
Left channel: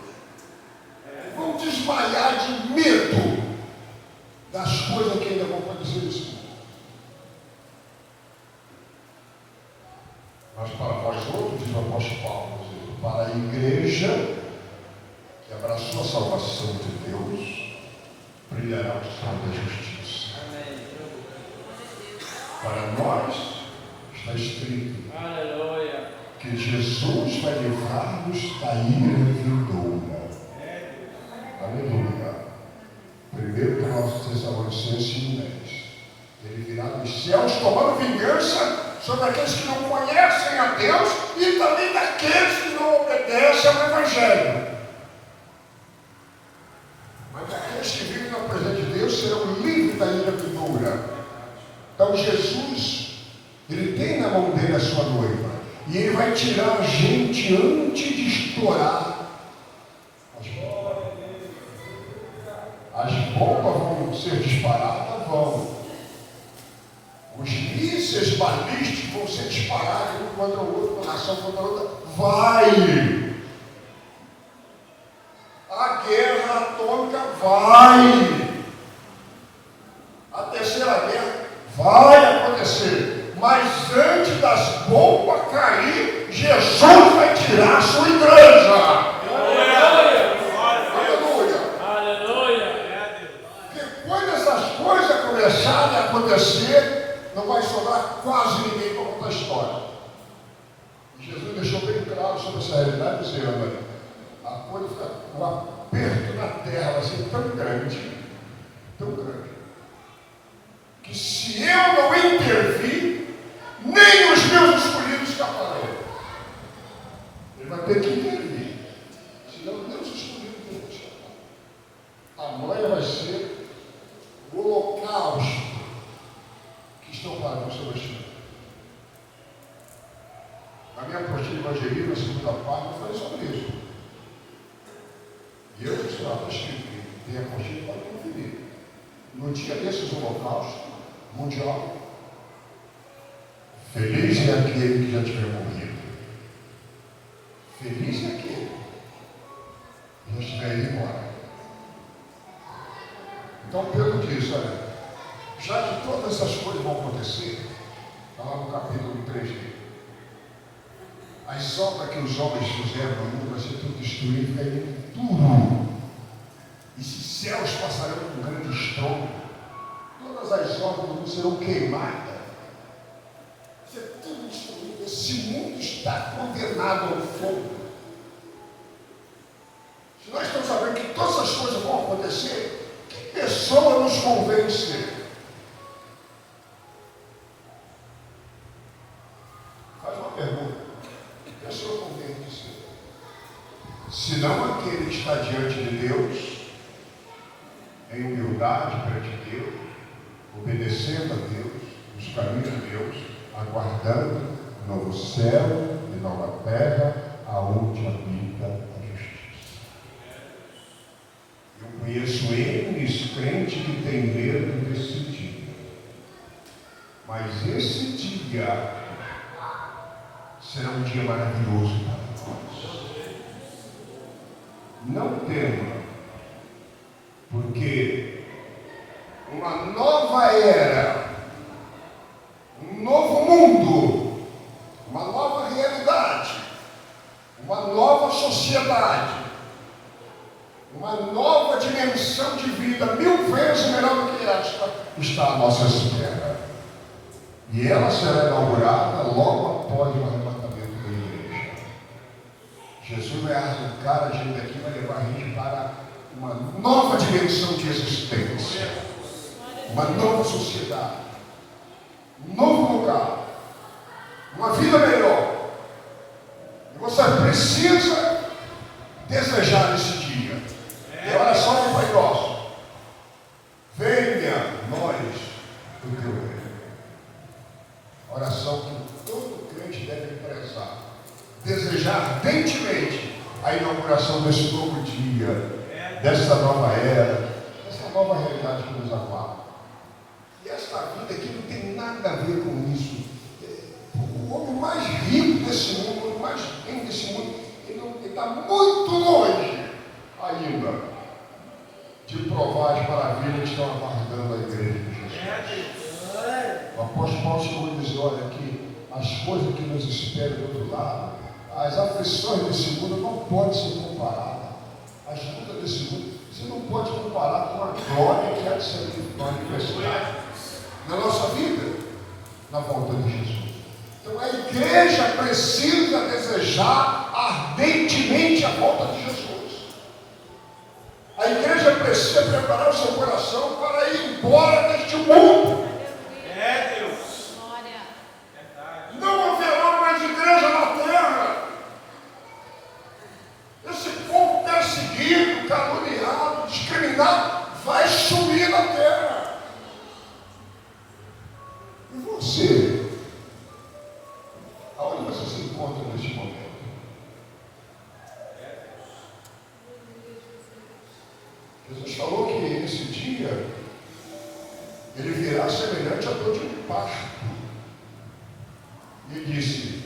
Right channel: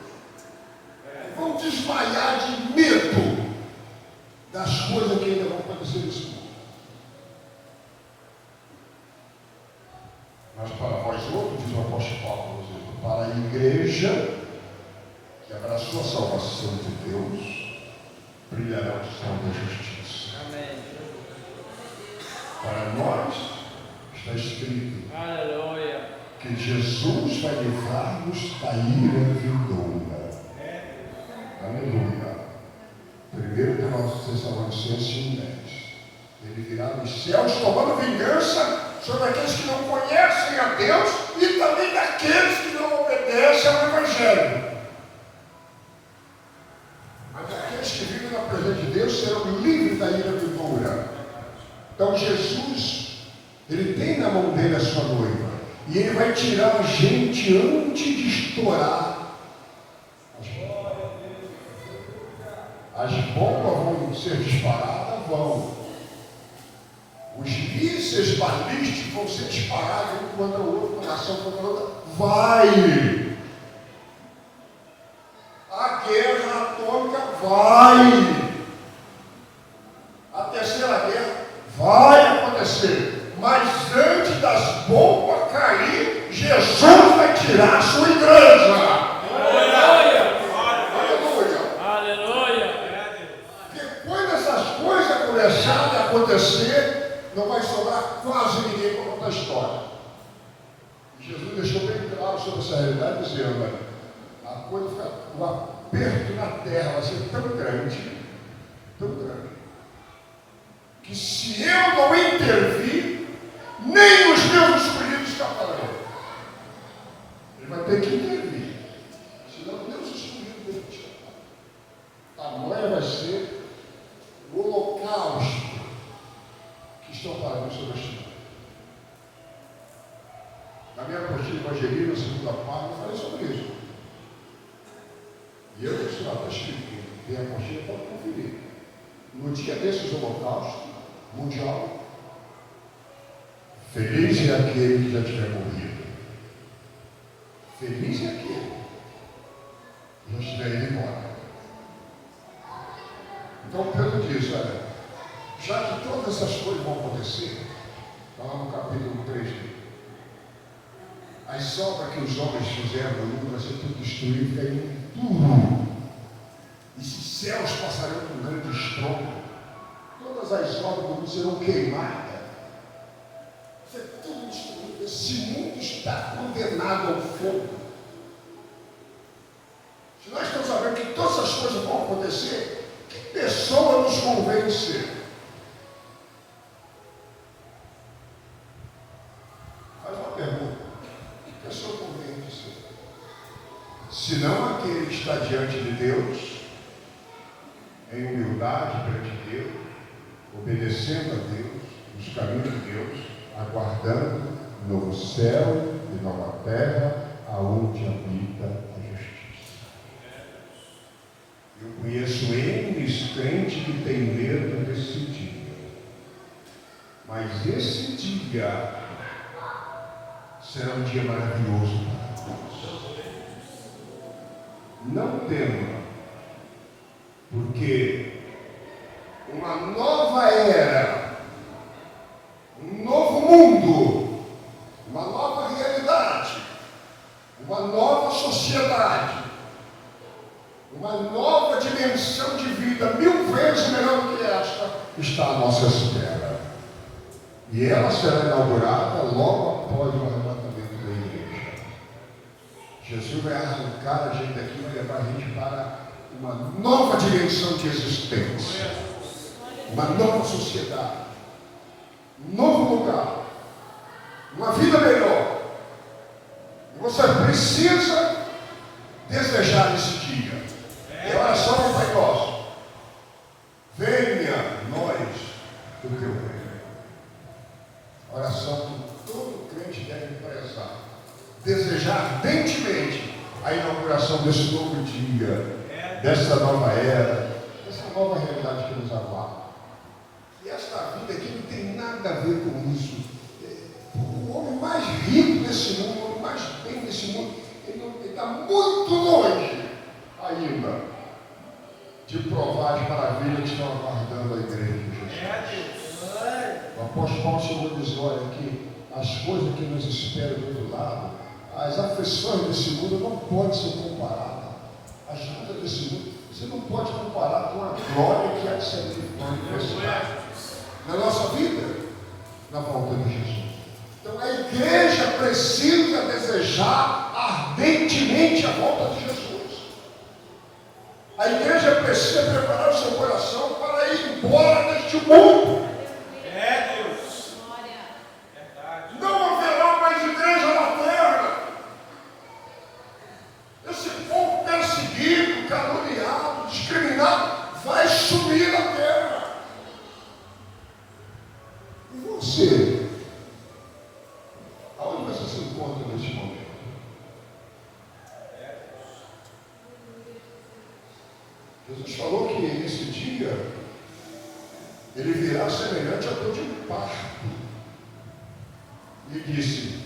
Vão desmaiar de medo das coisas que ainda vão acontecer nesse mundo. Mas para vós outros, diz o apóstolo Paulo, para a igreja que abraçou a salvação de Deus, brilhará o sol da justiça. Para nós, está escrito que Jesus vai livrar-nos da ira vindoura. Aleluia. 1 Tessalonicenses 10. Ele virá dos céus tomando vingança sobre aqueles que não conhecem a Deus e também daqueles que não obedecem ao Evangelho. Mas aqueles que vivem na presença de Deus serão livres da ira vindoura. Então Jesus, ele tem na mão dele a sua noiva, e ele vai tirar a gente antes de estourar as bombas. As bombas vão ser disparadas, vão. Os mísseis balísticos vão ser disparados um contra o outro, uma nação contra a outra. Vai! A guerra atômica vai! A terceira guerra vai acontecer. Mas antes das bombas cair, Jesus vai tirar a sua igreja. Aleluia! Depois dessas coisas começarem a acontecer, não vai sobrar quase ninguém para contar a história. Jesus deixou bem claro sobre essa realidade, dizendo: a coisa, o aperto na terra vai ser tão grande, que se eu não intervir, nem os meus escolhidos escaparão. Ele vai ter que intervir, senão nem os escolhidos vão escapar. Amanhã vai ser o holocausto que estão falando sobre a China. Na minha apostila evangelista, na segunda página, eu falei sobre isso. E eu disse lá, está escrito, tem a apostila para conferir. No dia desses holocaustos mundial, feliz é aquele que já tiver morrido. Feliz é aquele que já estiver indo embora. Então Pedro diz: olha, já que todas essas coisas vão acontecer, está lá no capítulo 3 dele, as obras que os homens fizeram no mundo vai ser tudo destruído, caindo tudo. E se céus passarão com um grande estrondo, todas as obras do mundo serão queimadas. Isso é tudo destruído. Esse mundo está condenado ao fogo. Se nós estamos sabendo que todas essas coisas vão acontecer, que pessoa nos convém ser? Faz uma pergunta. Que pessoa convém ser? Se não aquele que está diante de Deus, em humildade perante Deus, obedecendo a Deus, nos caminhos de Deus, aguardando novo céu e nova terra, aonde habita a justiça. Eu conheço N crentes que têm medo desse dia, mas esse dia será um dia maravilhoso para nós. Não tema, porque uma nova era, um novo mundo, uma nova realidade, uma nova sociedade, uma nova dimensão de vida, 1000 vezes melhor do que esta, está à nossa espera. E ela será inaugurada logo após o arrebatamento da igreja. Jesus vai arrancar a gente daqui, vai levar a gente para uma nova dimensão de existência, uma nova sociedade, um novo lugar, uma vida melhor. E você precisa desejar esse dia. E a oração do Pai Nosso: venha nós do teu reino. Oração que todo crente deve prezar, desejar ardentemente a inauguração desse novo dia, dessa nova era, dessa nova realidade que nos aguarda. E esta vida aqui não tem nada a ver com isso. O homem mais rico desse mundo, o homem mais bem desse mundo, ele está muito longe ainda de provar as maravilhas que estão aguardando a igreja de Jesus. O apóstolo Paulo chegou a dizer: olha, que as coisas que nos esperam do outro lado, as aflições desse mundo não podem ser comparadas. As lutas desse mundo, você não pode comparar com a glória que há de ser manifestada na nossa vida, na volta de Jesus. Então a igreja precisa desejar ardentemente a volta de Jesus. A igreja precisa preparar o seu coração para ir embora deste mundo. É, Deus. Não haverá mais igreja na terra. Esse povo perseguido, caluniado, discriminado, vai sumir da terra. E você? Aonde você se encontra neste momento? Jesus falou que esse dia ele virá semelhante a dor de um parto. E disse:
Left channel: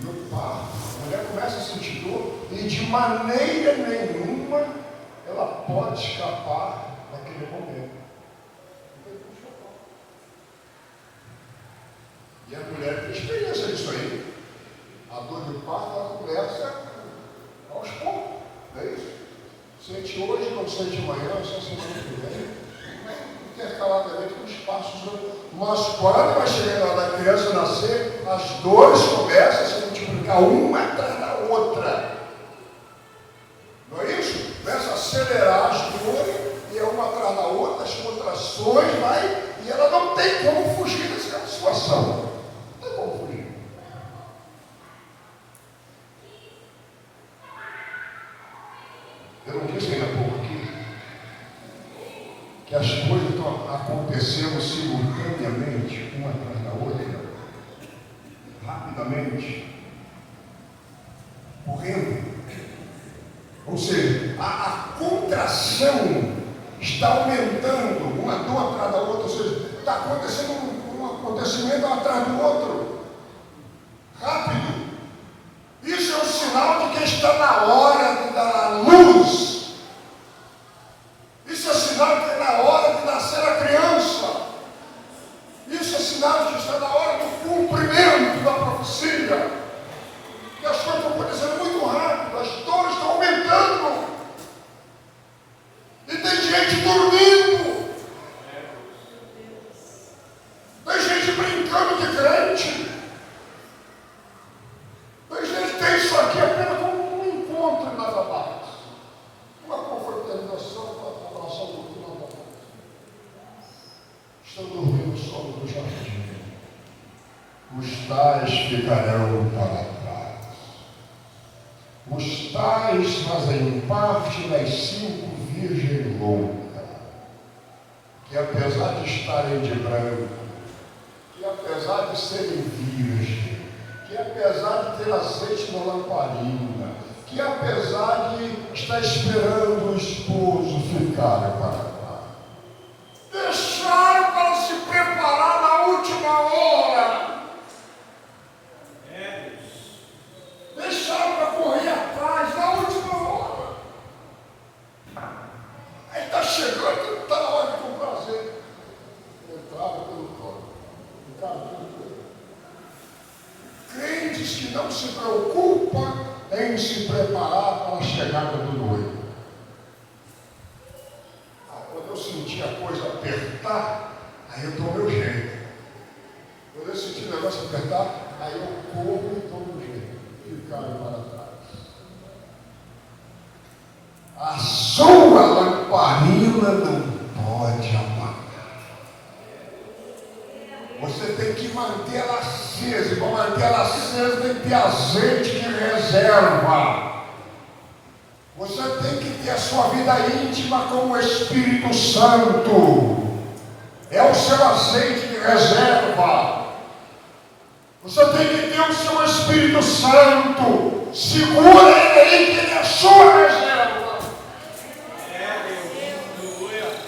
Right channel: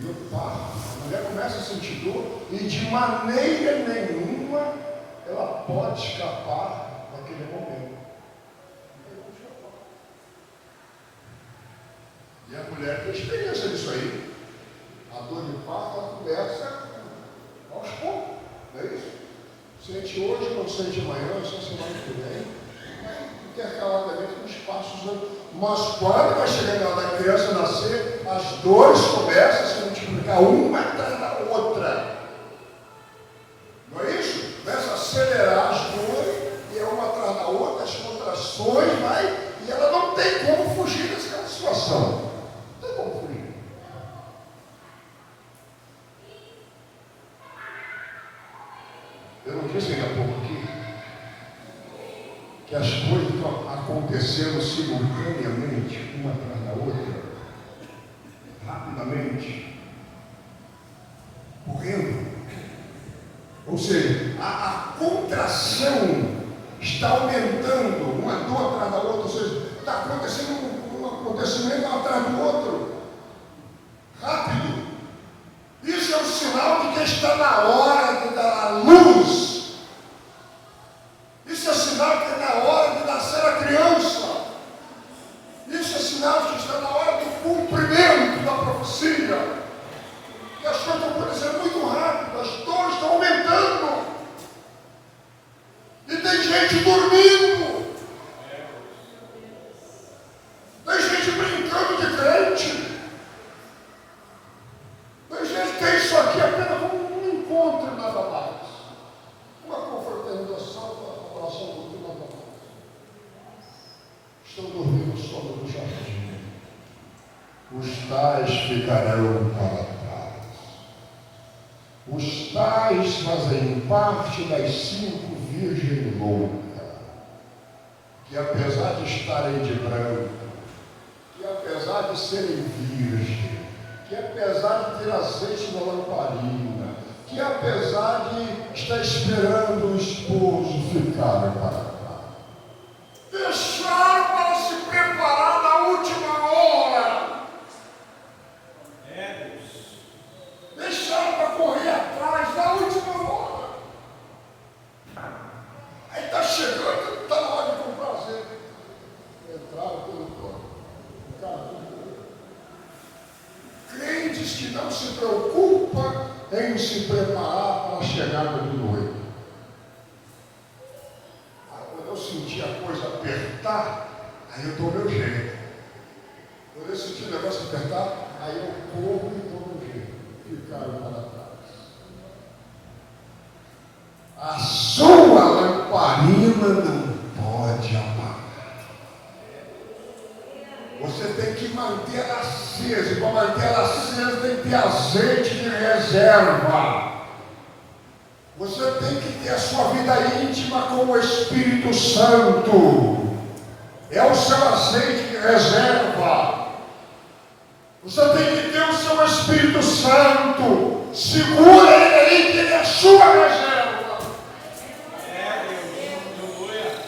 e o parto, a mulher começa a sentir dor e de maneira nenhuma ela pode escapar daquele momento. E a mulher tem experiência disso aí. A dor de parto ela começa aos poucos, não é isso? Sente hoje, não sente amanhã, só semana que vem, intercaladamente nos passos. Mas quando vai chegando a hora da criança nascer, as dores começam a se multiplicar uma atrás da outra. Não é isso? Começa a acelerar as dores, e é uma atrás da outra, as contrações, vai, e ela não tem como fugir dessa situação. Não tem como fugir. Eu não disse ainda há pouco aqui que as coisas estão acontecendo simultaneamente, uma atrás da outra, rapidamente, correndo. Ou seja, a contração está aumentando, uma dor atrás da outra, ou seja, está acontecendo um acontecimento um atrás do outro, rápido. Isso é um sinal de que está na hora da luz. Isso é sinal de que é na hora de nascer a criança. Isso é sinal de que está na hora do cumprimento da profecia. E as coisas estão acontecendo muito rápido, as dores estão aumentando. E tem gente dormindo. Tem gente brincando de crente. Tem gente que tem isso aqui apenas como um encontro e nada mais. Uma confraternização, uma adoração do Deus, nada mais. Estão dormindo o sono do jardim. Os tais ficarão para trás. Os tais fazem parte das 5 virgens loucas, que apesar de estarem de branco, que apesar de serem virgens, que apesar de ter azeite na lamparina, que apesar de estar esperando o esposo ficar para lá, deixaram para se preparar na última hora. Deixaram para correr atrás na última hora. Aí está chegando, está na hora de comprar azeite. Entraram pelo colo. Crentes que não se preocupam em se preparar para a chegada do noivo. Quando eu senti a coisa apertar, aí eu dou meu jeito. Quando eu senti o negócio apertar, aí eu corro e dou meu jeito. Ficaram para trás. A sua chama não pode apagar. Você tem que manter ela acesa. E para manter ela acesa tem que ter azeite de reserva. Você tem que ter a sua vida íntima com o Espírito Santo. É o seu azeite de reserva. Você tem que ter o seu Espírito Santo. Segura ele aí, que ele é a sua reserva.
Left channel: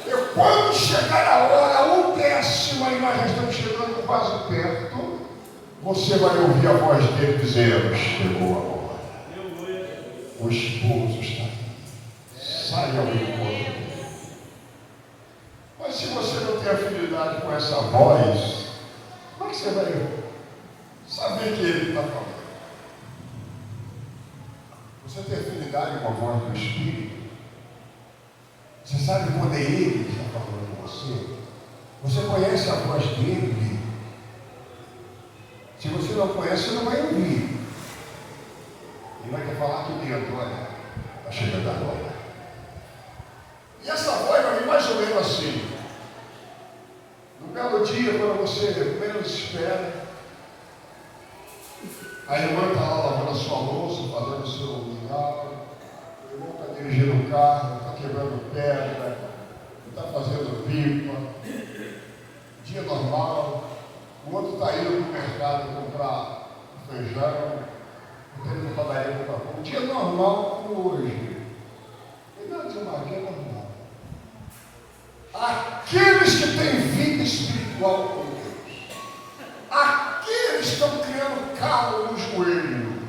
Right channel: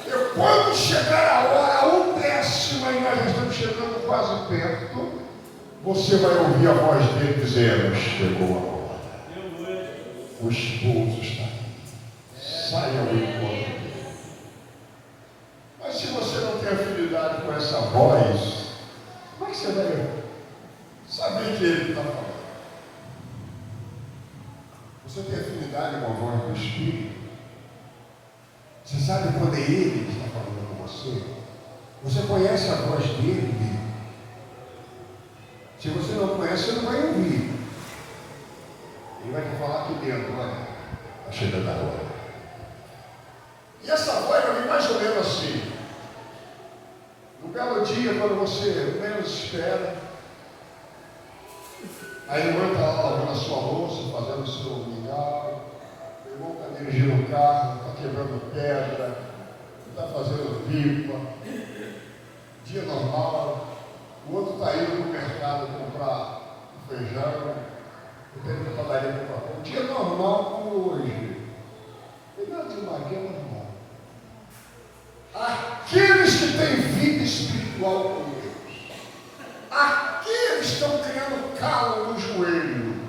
E quando chegar a hora, o décimo, e nós já estamos chegando quase perto, você vai ouvir a voz dele dizendo: chegou a hora. O esposo está aqui. Saia ao encontro. Mas se você não tem afinidade com essa voz, como é que você vai saber que ele está falando? Você tem afinidade com a voz do Espírito? Você sabe quando é ele que está falando com você? Você conhece a voz dele? Se você não conhece, você não vai ouvir. Ele vai te falar aqui dentro, olha, está chegando agora. E essa voz vai vir mais ou menos assim. No belo dia, quando você menos espera, a irmã está lá lavando a sua louça, fazendo o seu mingau, o irmão está dirigindo o carro, está quebrando pedra, está fazendo pipa, dia normal, o outro está indo para o mercado comprar feijão, está indo para a padaria comprar pão. Um dia normal como hoje. E nada de uma guerra normal. Aqueles que têm vida espiritual com Deus, aqueles que estão criando calo no joelho,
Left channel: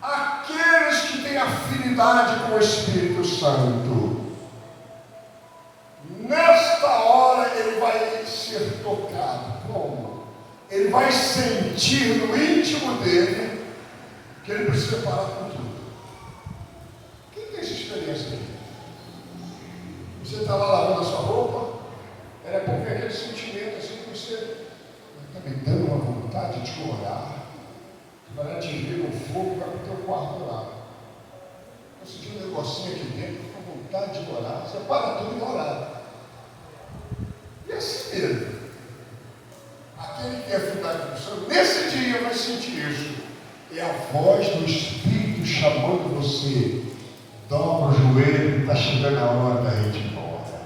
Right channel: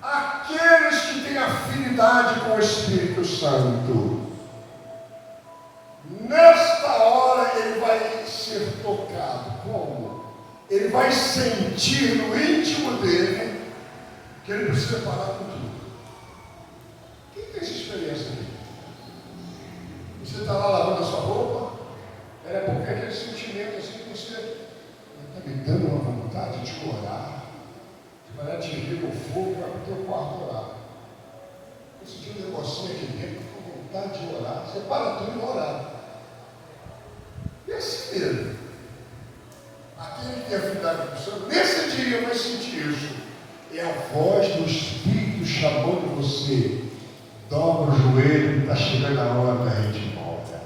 aqueles que têm afinidade com o Espírito Santo, nesta hora ele vai ser tocado. Como? Ele vai sentir no íntimo dele que ele precisa parar com tudo. Quem tem essa experiência aí? Você está lá lavando a sua roupa, é porque aquele sentimento assim que você está me dando uma vontade de orar, vai atingir o fogo, vai para o teu quarto orar. Eu senti um negocinho aqui dentro, com vontade de orar, você para tudo e orar. E assim mesmo. Aquele que tem afinidade com o Senhor, nesse dia vai sentir isso. É a voz do Espírito chamando você. Dobra o joelho, está chegando a hora da gente ir embora.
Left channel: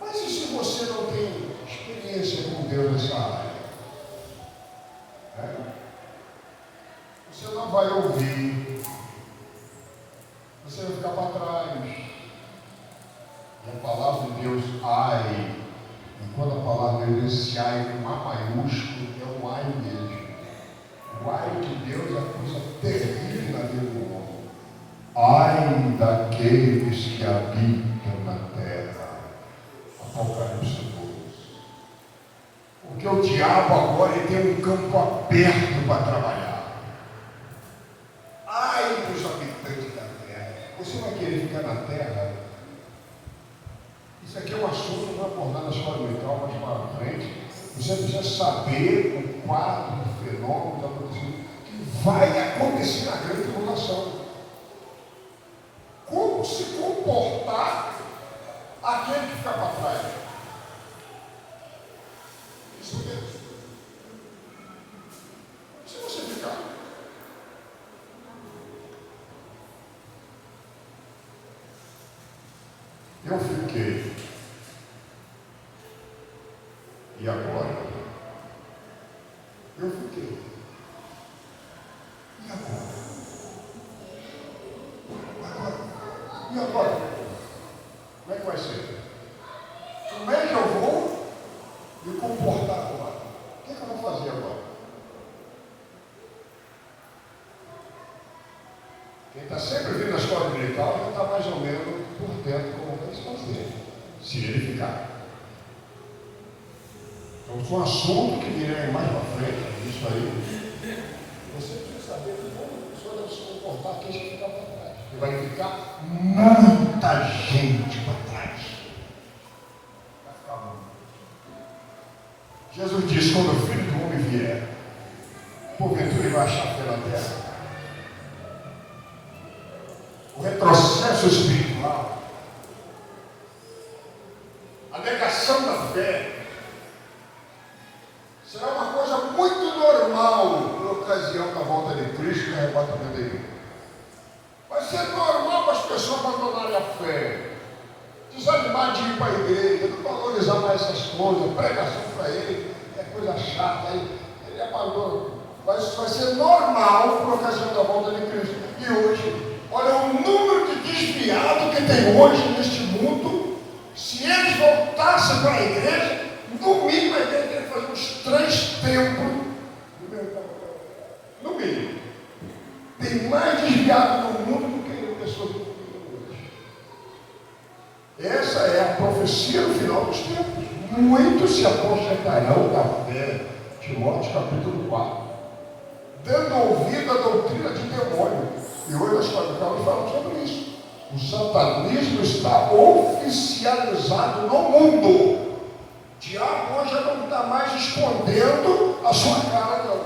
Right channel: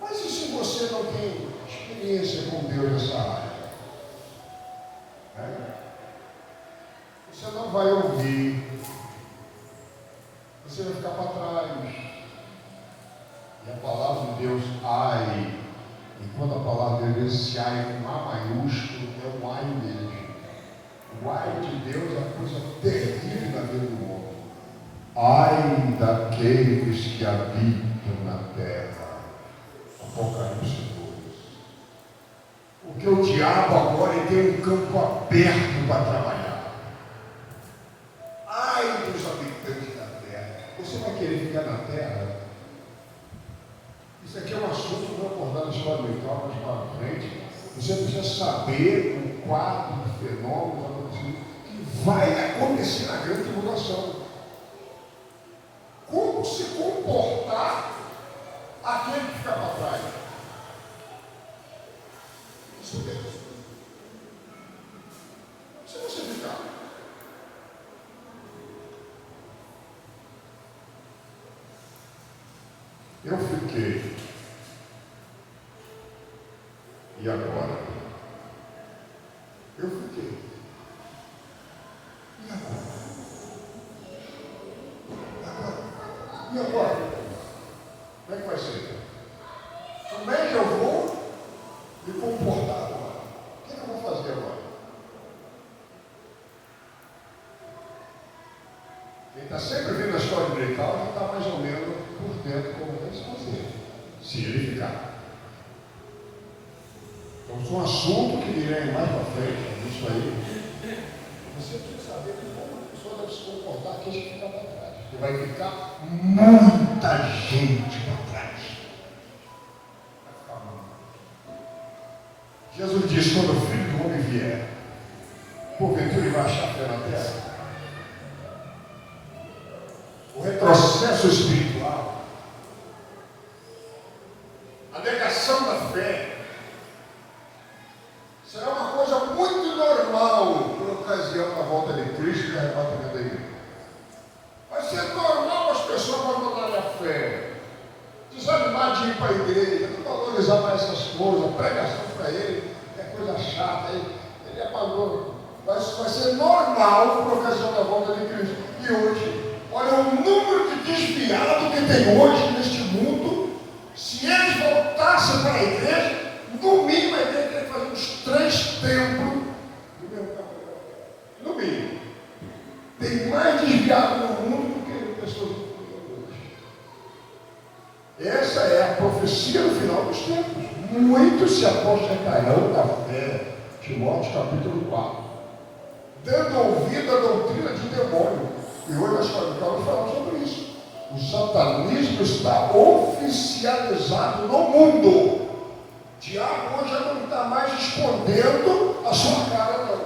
Mas e se você não tem experiência com Deus nessa área? Você não vai ouvir. Você vai ficar para trás. E a palavra de Deus, ai. E quando a palavra de Deus, esse ai com A maiúsculo, é um ai mesmo. O ai de Deus é a coisa terrível na vida do homem. Ai daqueles que habitam na terra. Apocalipse 2. Porque o diabo agora ele tem um campo aberto para trabalhar. Ai dos habitantes da terra. Você vai querer ficar na terra? Isso aqui é um assunto que eu vou abordar na escola dominical mais para frente. Você precisa saber o quadro do fenômeno que vai acontecer na grande tribulação. Como se comportar aquele que fica para trás? Isso mesmo. Se você ficar. Eu fiquei. E agora? Eu fiquei. E agora? E agora? Como é que vai ser? Como é que eu vou me comportar agora? O que é que eu vou fazer agora? Quem está sempre vindo a escola dominical já está mais ou menos por dentro como vai se fazer. Se ele ficar. Então, é um assunto que direi mais para frente, isso aí. Você precisa saber como a pessoa deve se comportar aqui que ficar para trás. E vai ficar muita gente para trás. Vai ficar muito. Jesus disse: quando o Filho do Homem vier, porventura ele vai achar fé na terra. O retrocesso espiritual fé, desanimar de ir para a igreja, não valorizar mais essas coisas, pregação para ele é coisa chata, ele apagou. Vai ser normal por ocasião da volta de Cristo. E hoje, olha o número de desviados que tem hoje neste mundo. Se eles voltassem para a igreja, no mínimo a igreja teria que fazer uns 3 templos. No mínimo. Tem mais desviado no mundo do que pessoas que vivem hoje. Essa é a profecia no final dos tempos. Muitos se aposentarão da fé. Timóteo capítulo 4. Dando ouvido à doutrina de demônio. E hoje nós estamos falando sobre isso. O satanismo está oficializado no mundo. O diabo hoje já não está mais escondendo a sua cara, não.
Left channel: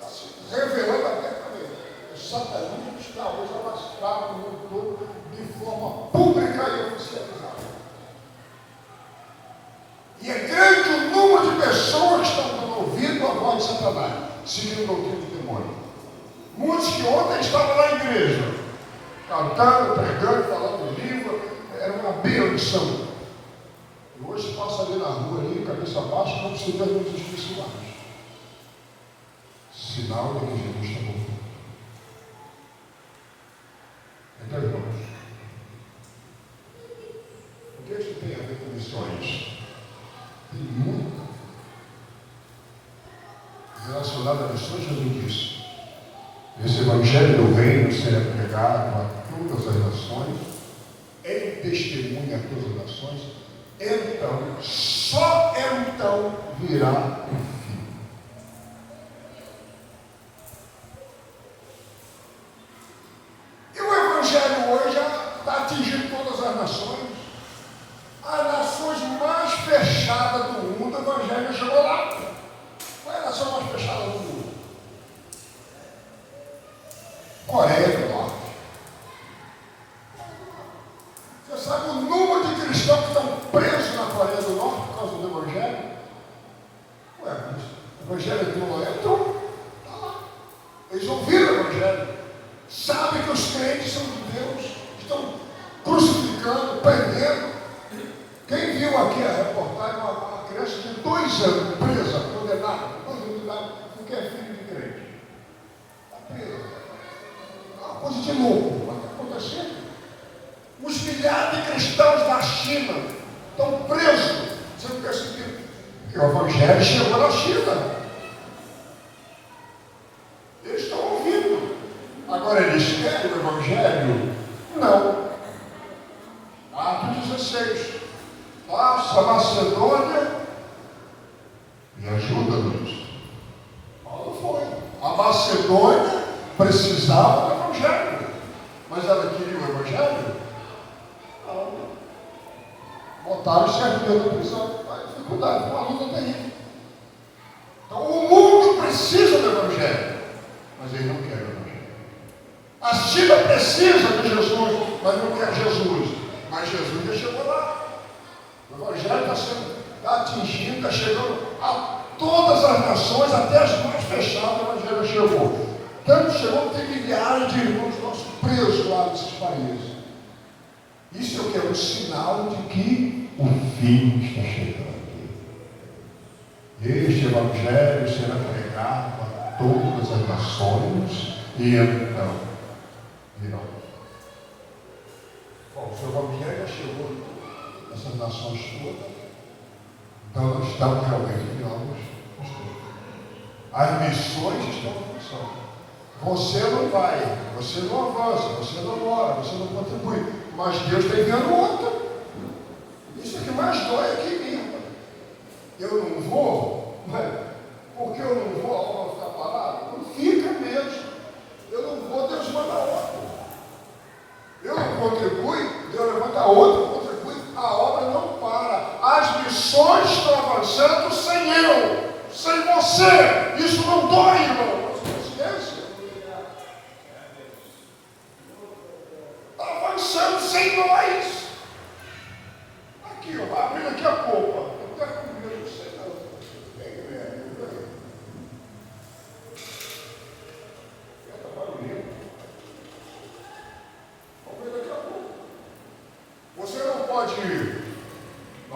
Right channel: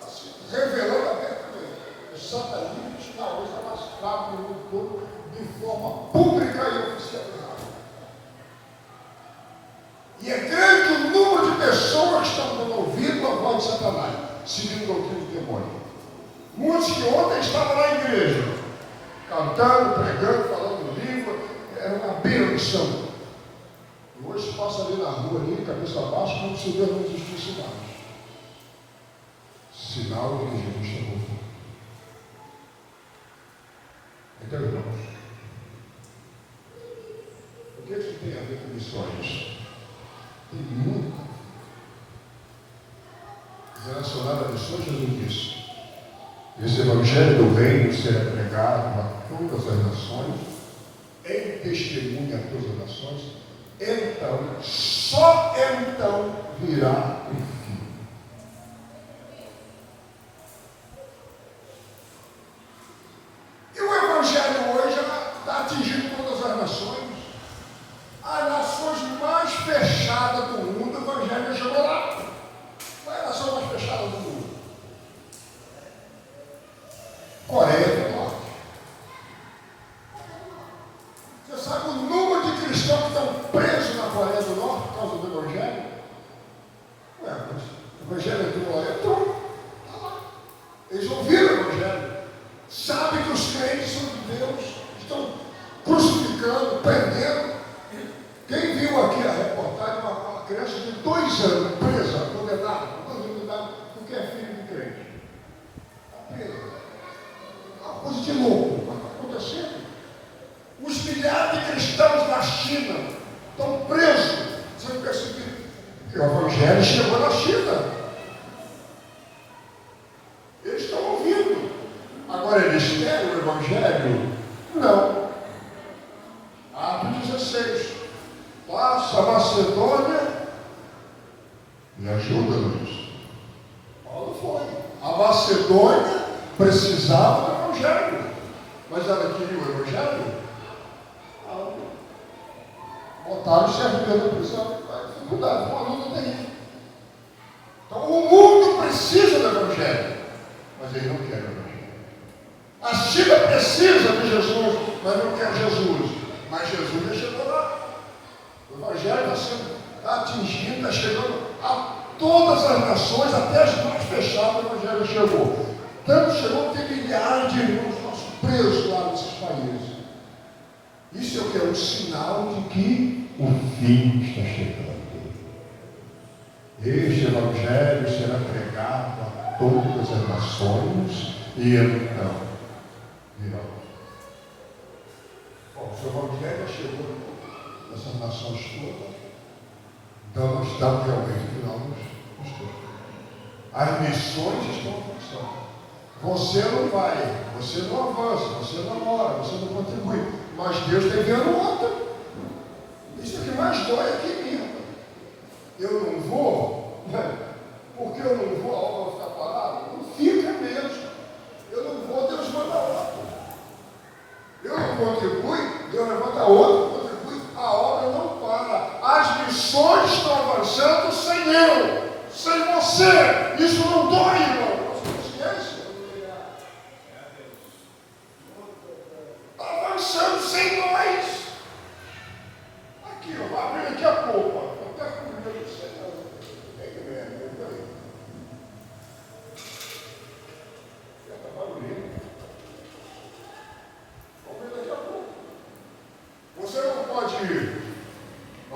Está se revelando abertamente. O satanismo está hoje alastrado no mundo todo de forma pública e oficializada. E é grande o número de pessoas que estão dando ouvido à voz de Satanás, seguindo a doutrina de demônio. Muitos que ontem estavam na igreja, cantando, pregando, falando língua, era uma benção. E hoje passa ali na rua, ali, cabeça baixa, como se Deus não existisse mais. Sinal de que Jesus está voltando. Então, irmãos, o que isso tem a ver com missões? Tem muito relacionado a missões. Jesus disse: esse evangelho do reino será pregado a todas as nações, em testemunha a todas as nações, então, só então virá o fim. E o evangelho hoje já está atingindo todas as nações. As nações mais fechadas do mundo, o evangelho chegou lá. Qual é a nação mais fechada do mundo? Coreia do Norte. Você sabe o número de cristãos que estão presos na Coreia do Norte por causa do evangelho? Ué, mas o evangelho entrou lá, então está lá. Eles ouviram o evangelho. Sabem que os crentes são de Deus. Estão crucificando, prendendo. Quem viu aqui a reportagem, uma criança de 2 anos, presa, condenada, porque é filho de crente. Está presa. Uma coisa de louco, mas está acontecendo. Os milhares de cristãos da China estão presos. Você não percebe que o evangelho chegou na China. Eles estão ouvindo. Agora eles querem o evangelho? Não. Atos 16. Passa a Macedônia e ajuda-nos. Paulo foi. A Macedônia precisava do evangelho. Mas ela queria o evangelho? Não. Botaram o servidor da prisão. Dificuldade, uma luta terrível. Então o mundo precisa do evangelho, mas ele não quer o evangelho. A China precisa de Jesus, mas não quer Jesus. Mas Jesus já chegou lá. O evangelho está atingindo, está chegando a todas as nações, até as mais fechadas, o evangelho chegou. Tanto chegou que tem milhares de irmãos nossos presos lá nesses países. Isso eu quero um sinal de que o fim está chegando. Este evangelho será pregado a todas as nações e então virá. Bom, o evangelho já chegou nessas nações todas, então nós estamos realmente no final dos tempos. As missões estão avançando. Você não vai, você não avança, você não ora, você não contribui, mas Deus está enviando outro. Isso é que mais dói aqui em mim. Eu não vou, mas porque eu não vou, a obra vai ficar parada? Não fica mesmo. Eu não vou, Deus manda outro. Eu não contribuo, Deus levanta outro, contribui, a obra não para. As missões estão avançando sem eu, sem você. Isso não dói, irmão. Consciência. Está avançando sem nós. Aqui, ó, abrindo aqui a polpa. Eu quero comer, não sei não. Vem, velho, vem. Está barulhento. Vamos ver daqui a pouco.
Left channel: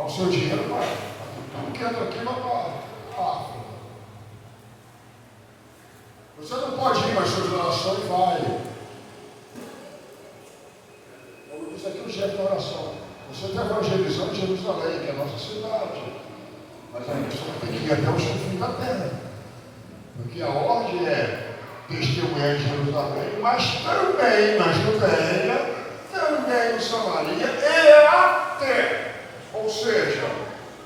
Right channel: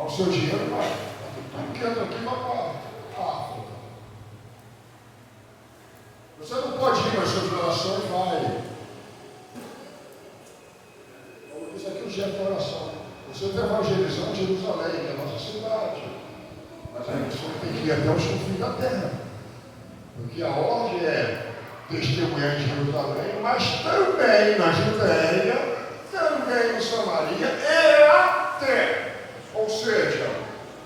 O seu dinheiro vai. Tudo que entra aqui vai para a África. Você não pode ir, mas suas orações vai. Isso aqui é o jeito da oração. Você está evangelizando Jerusalém, que é a nossa cidade. Mas a pessoa tem que ir até o fim da terra. Porque a ordem é testemunhar em Jerusalém, mas também na Judéia, também em Samaria e até. Ou seja,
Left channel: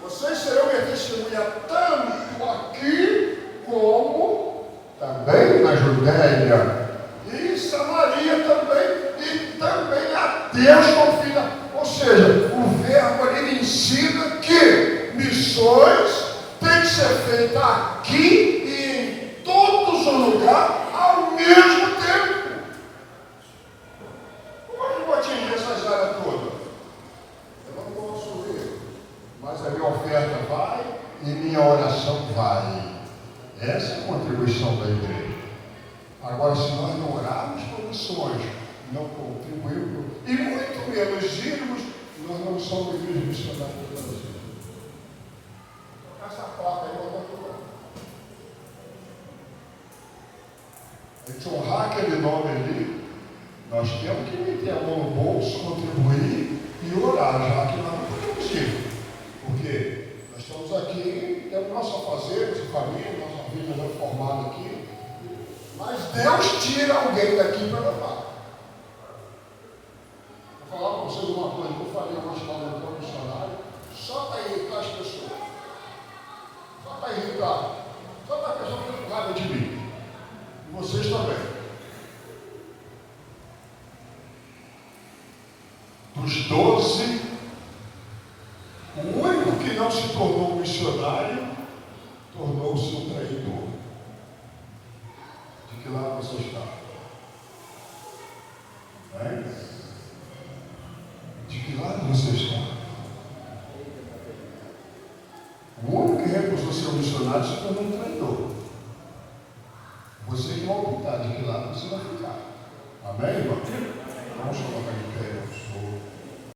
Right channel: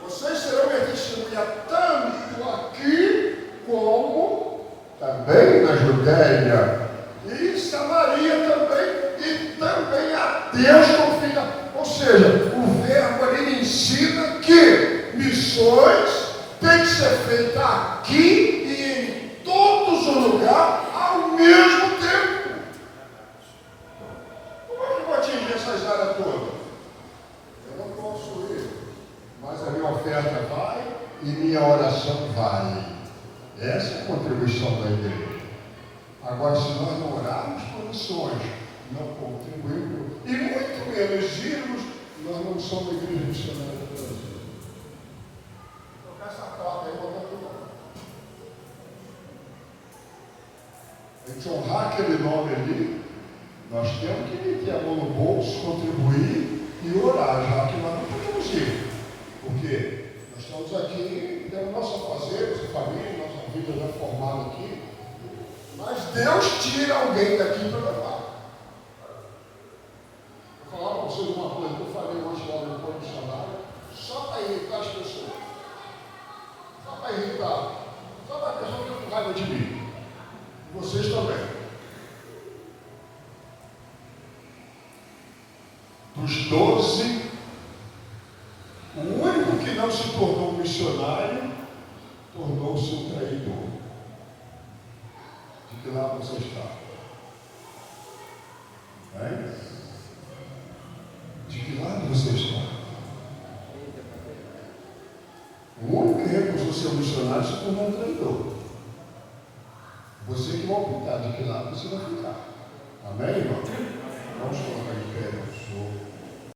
vocês serão minha testemunha tanto aqui como também na Judéia e Samaria também, e também até o fim da. Ou seja, o verbo ali ensina que missões tem que ser feita aqui e em todos os lugares ao mesmo tempo. Como é que eu vou atingir essas áreas todas? Eu não posso ir, mas a minha oferta vai e minha oração vai. Essa é a contribuição da igreja. Agora, se nós não orarmos por missões, não contribuirmos, e muito menos irmos, nós não somos igreja missionária do Brasil. Vou tocar essa placa aí, botar tudo lá. A gente honrar aquele nome ali, nós temos que meter a mão no bolso, contribuir e orar, já que nós não podemos ir. Por quê? Nós estamos aqui, temos nosso fazer, nossa família, nossa vida já formada aqui, mas Deus tira alguém daqui para levar. Vou falar para vocês uma coisa que eu falei uma história no missionário, só para irritar as pessoas. Só para irritar. Só para a pessoa ficar com raiva de mim. E vocês também. Dos 12, o único que não se tornou missionário tornou-se um traidor. De que lado você está? De que lado você está? O único que recusou ser missionário se tornou um traidor. Você que vai optar de que lado você vai ficar. Amém?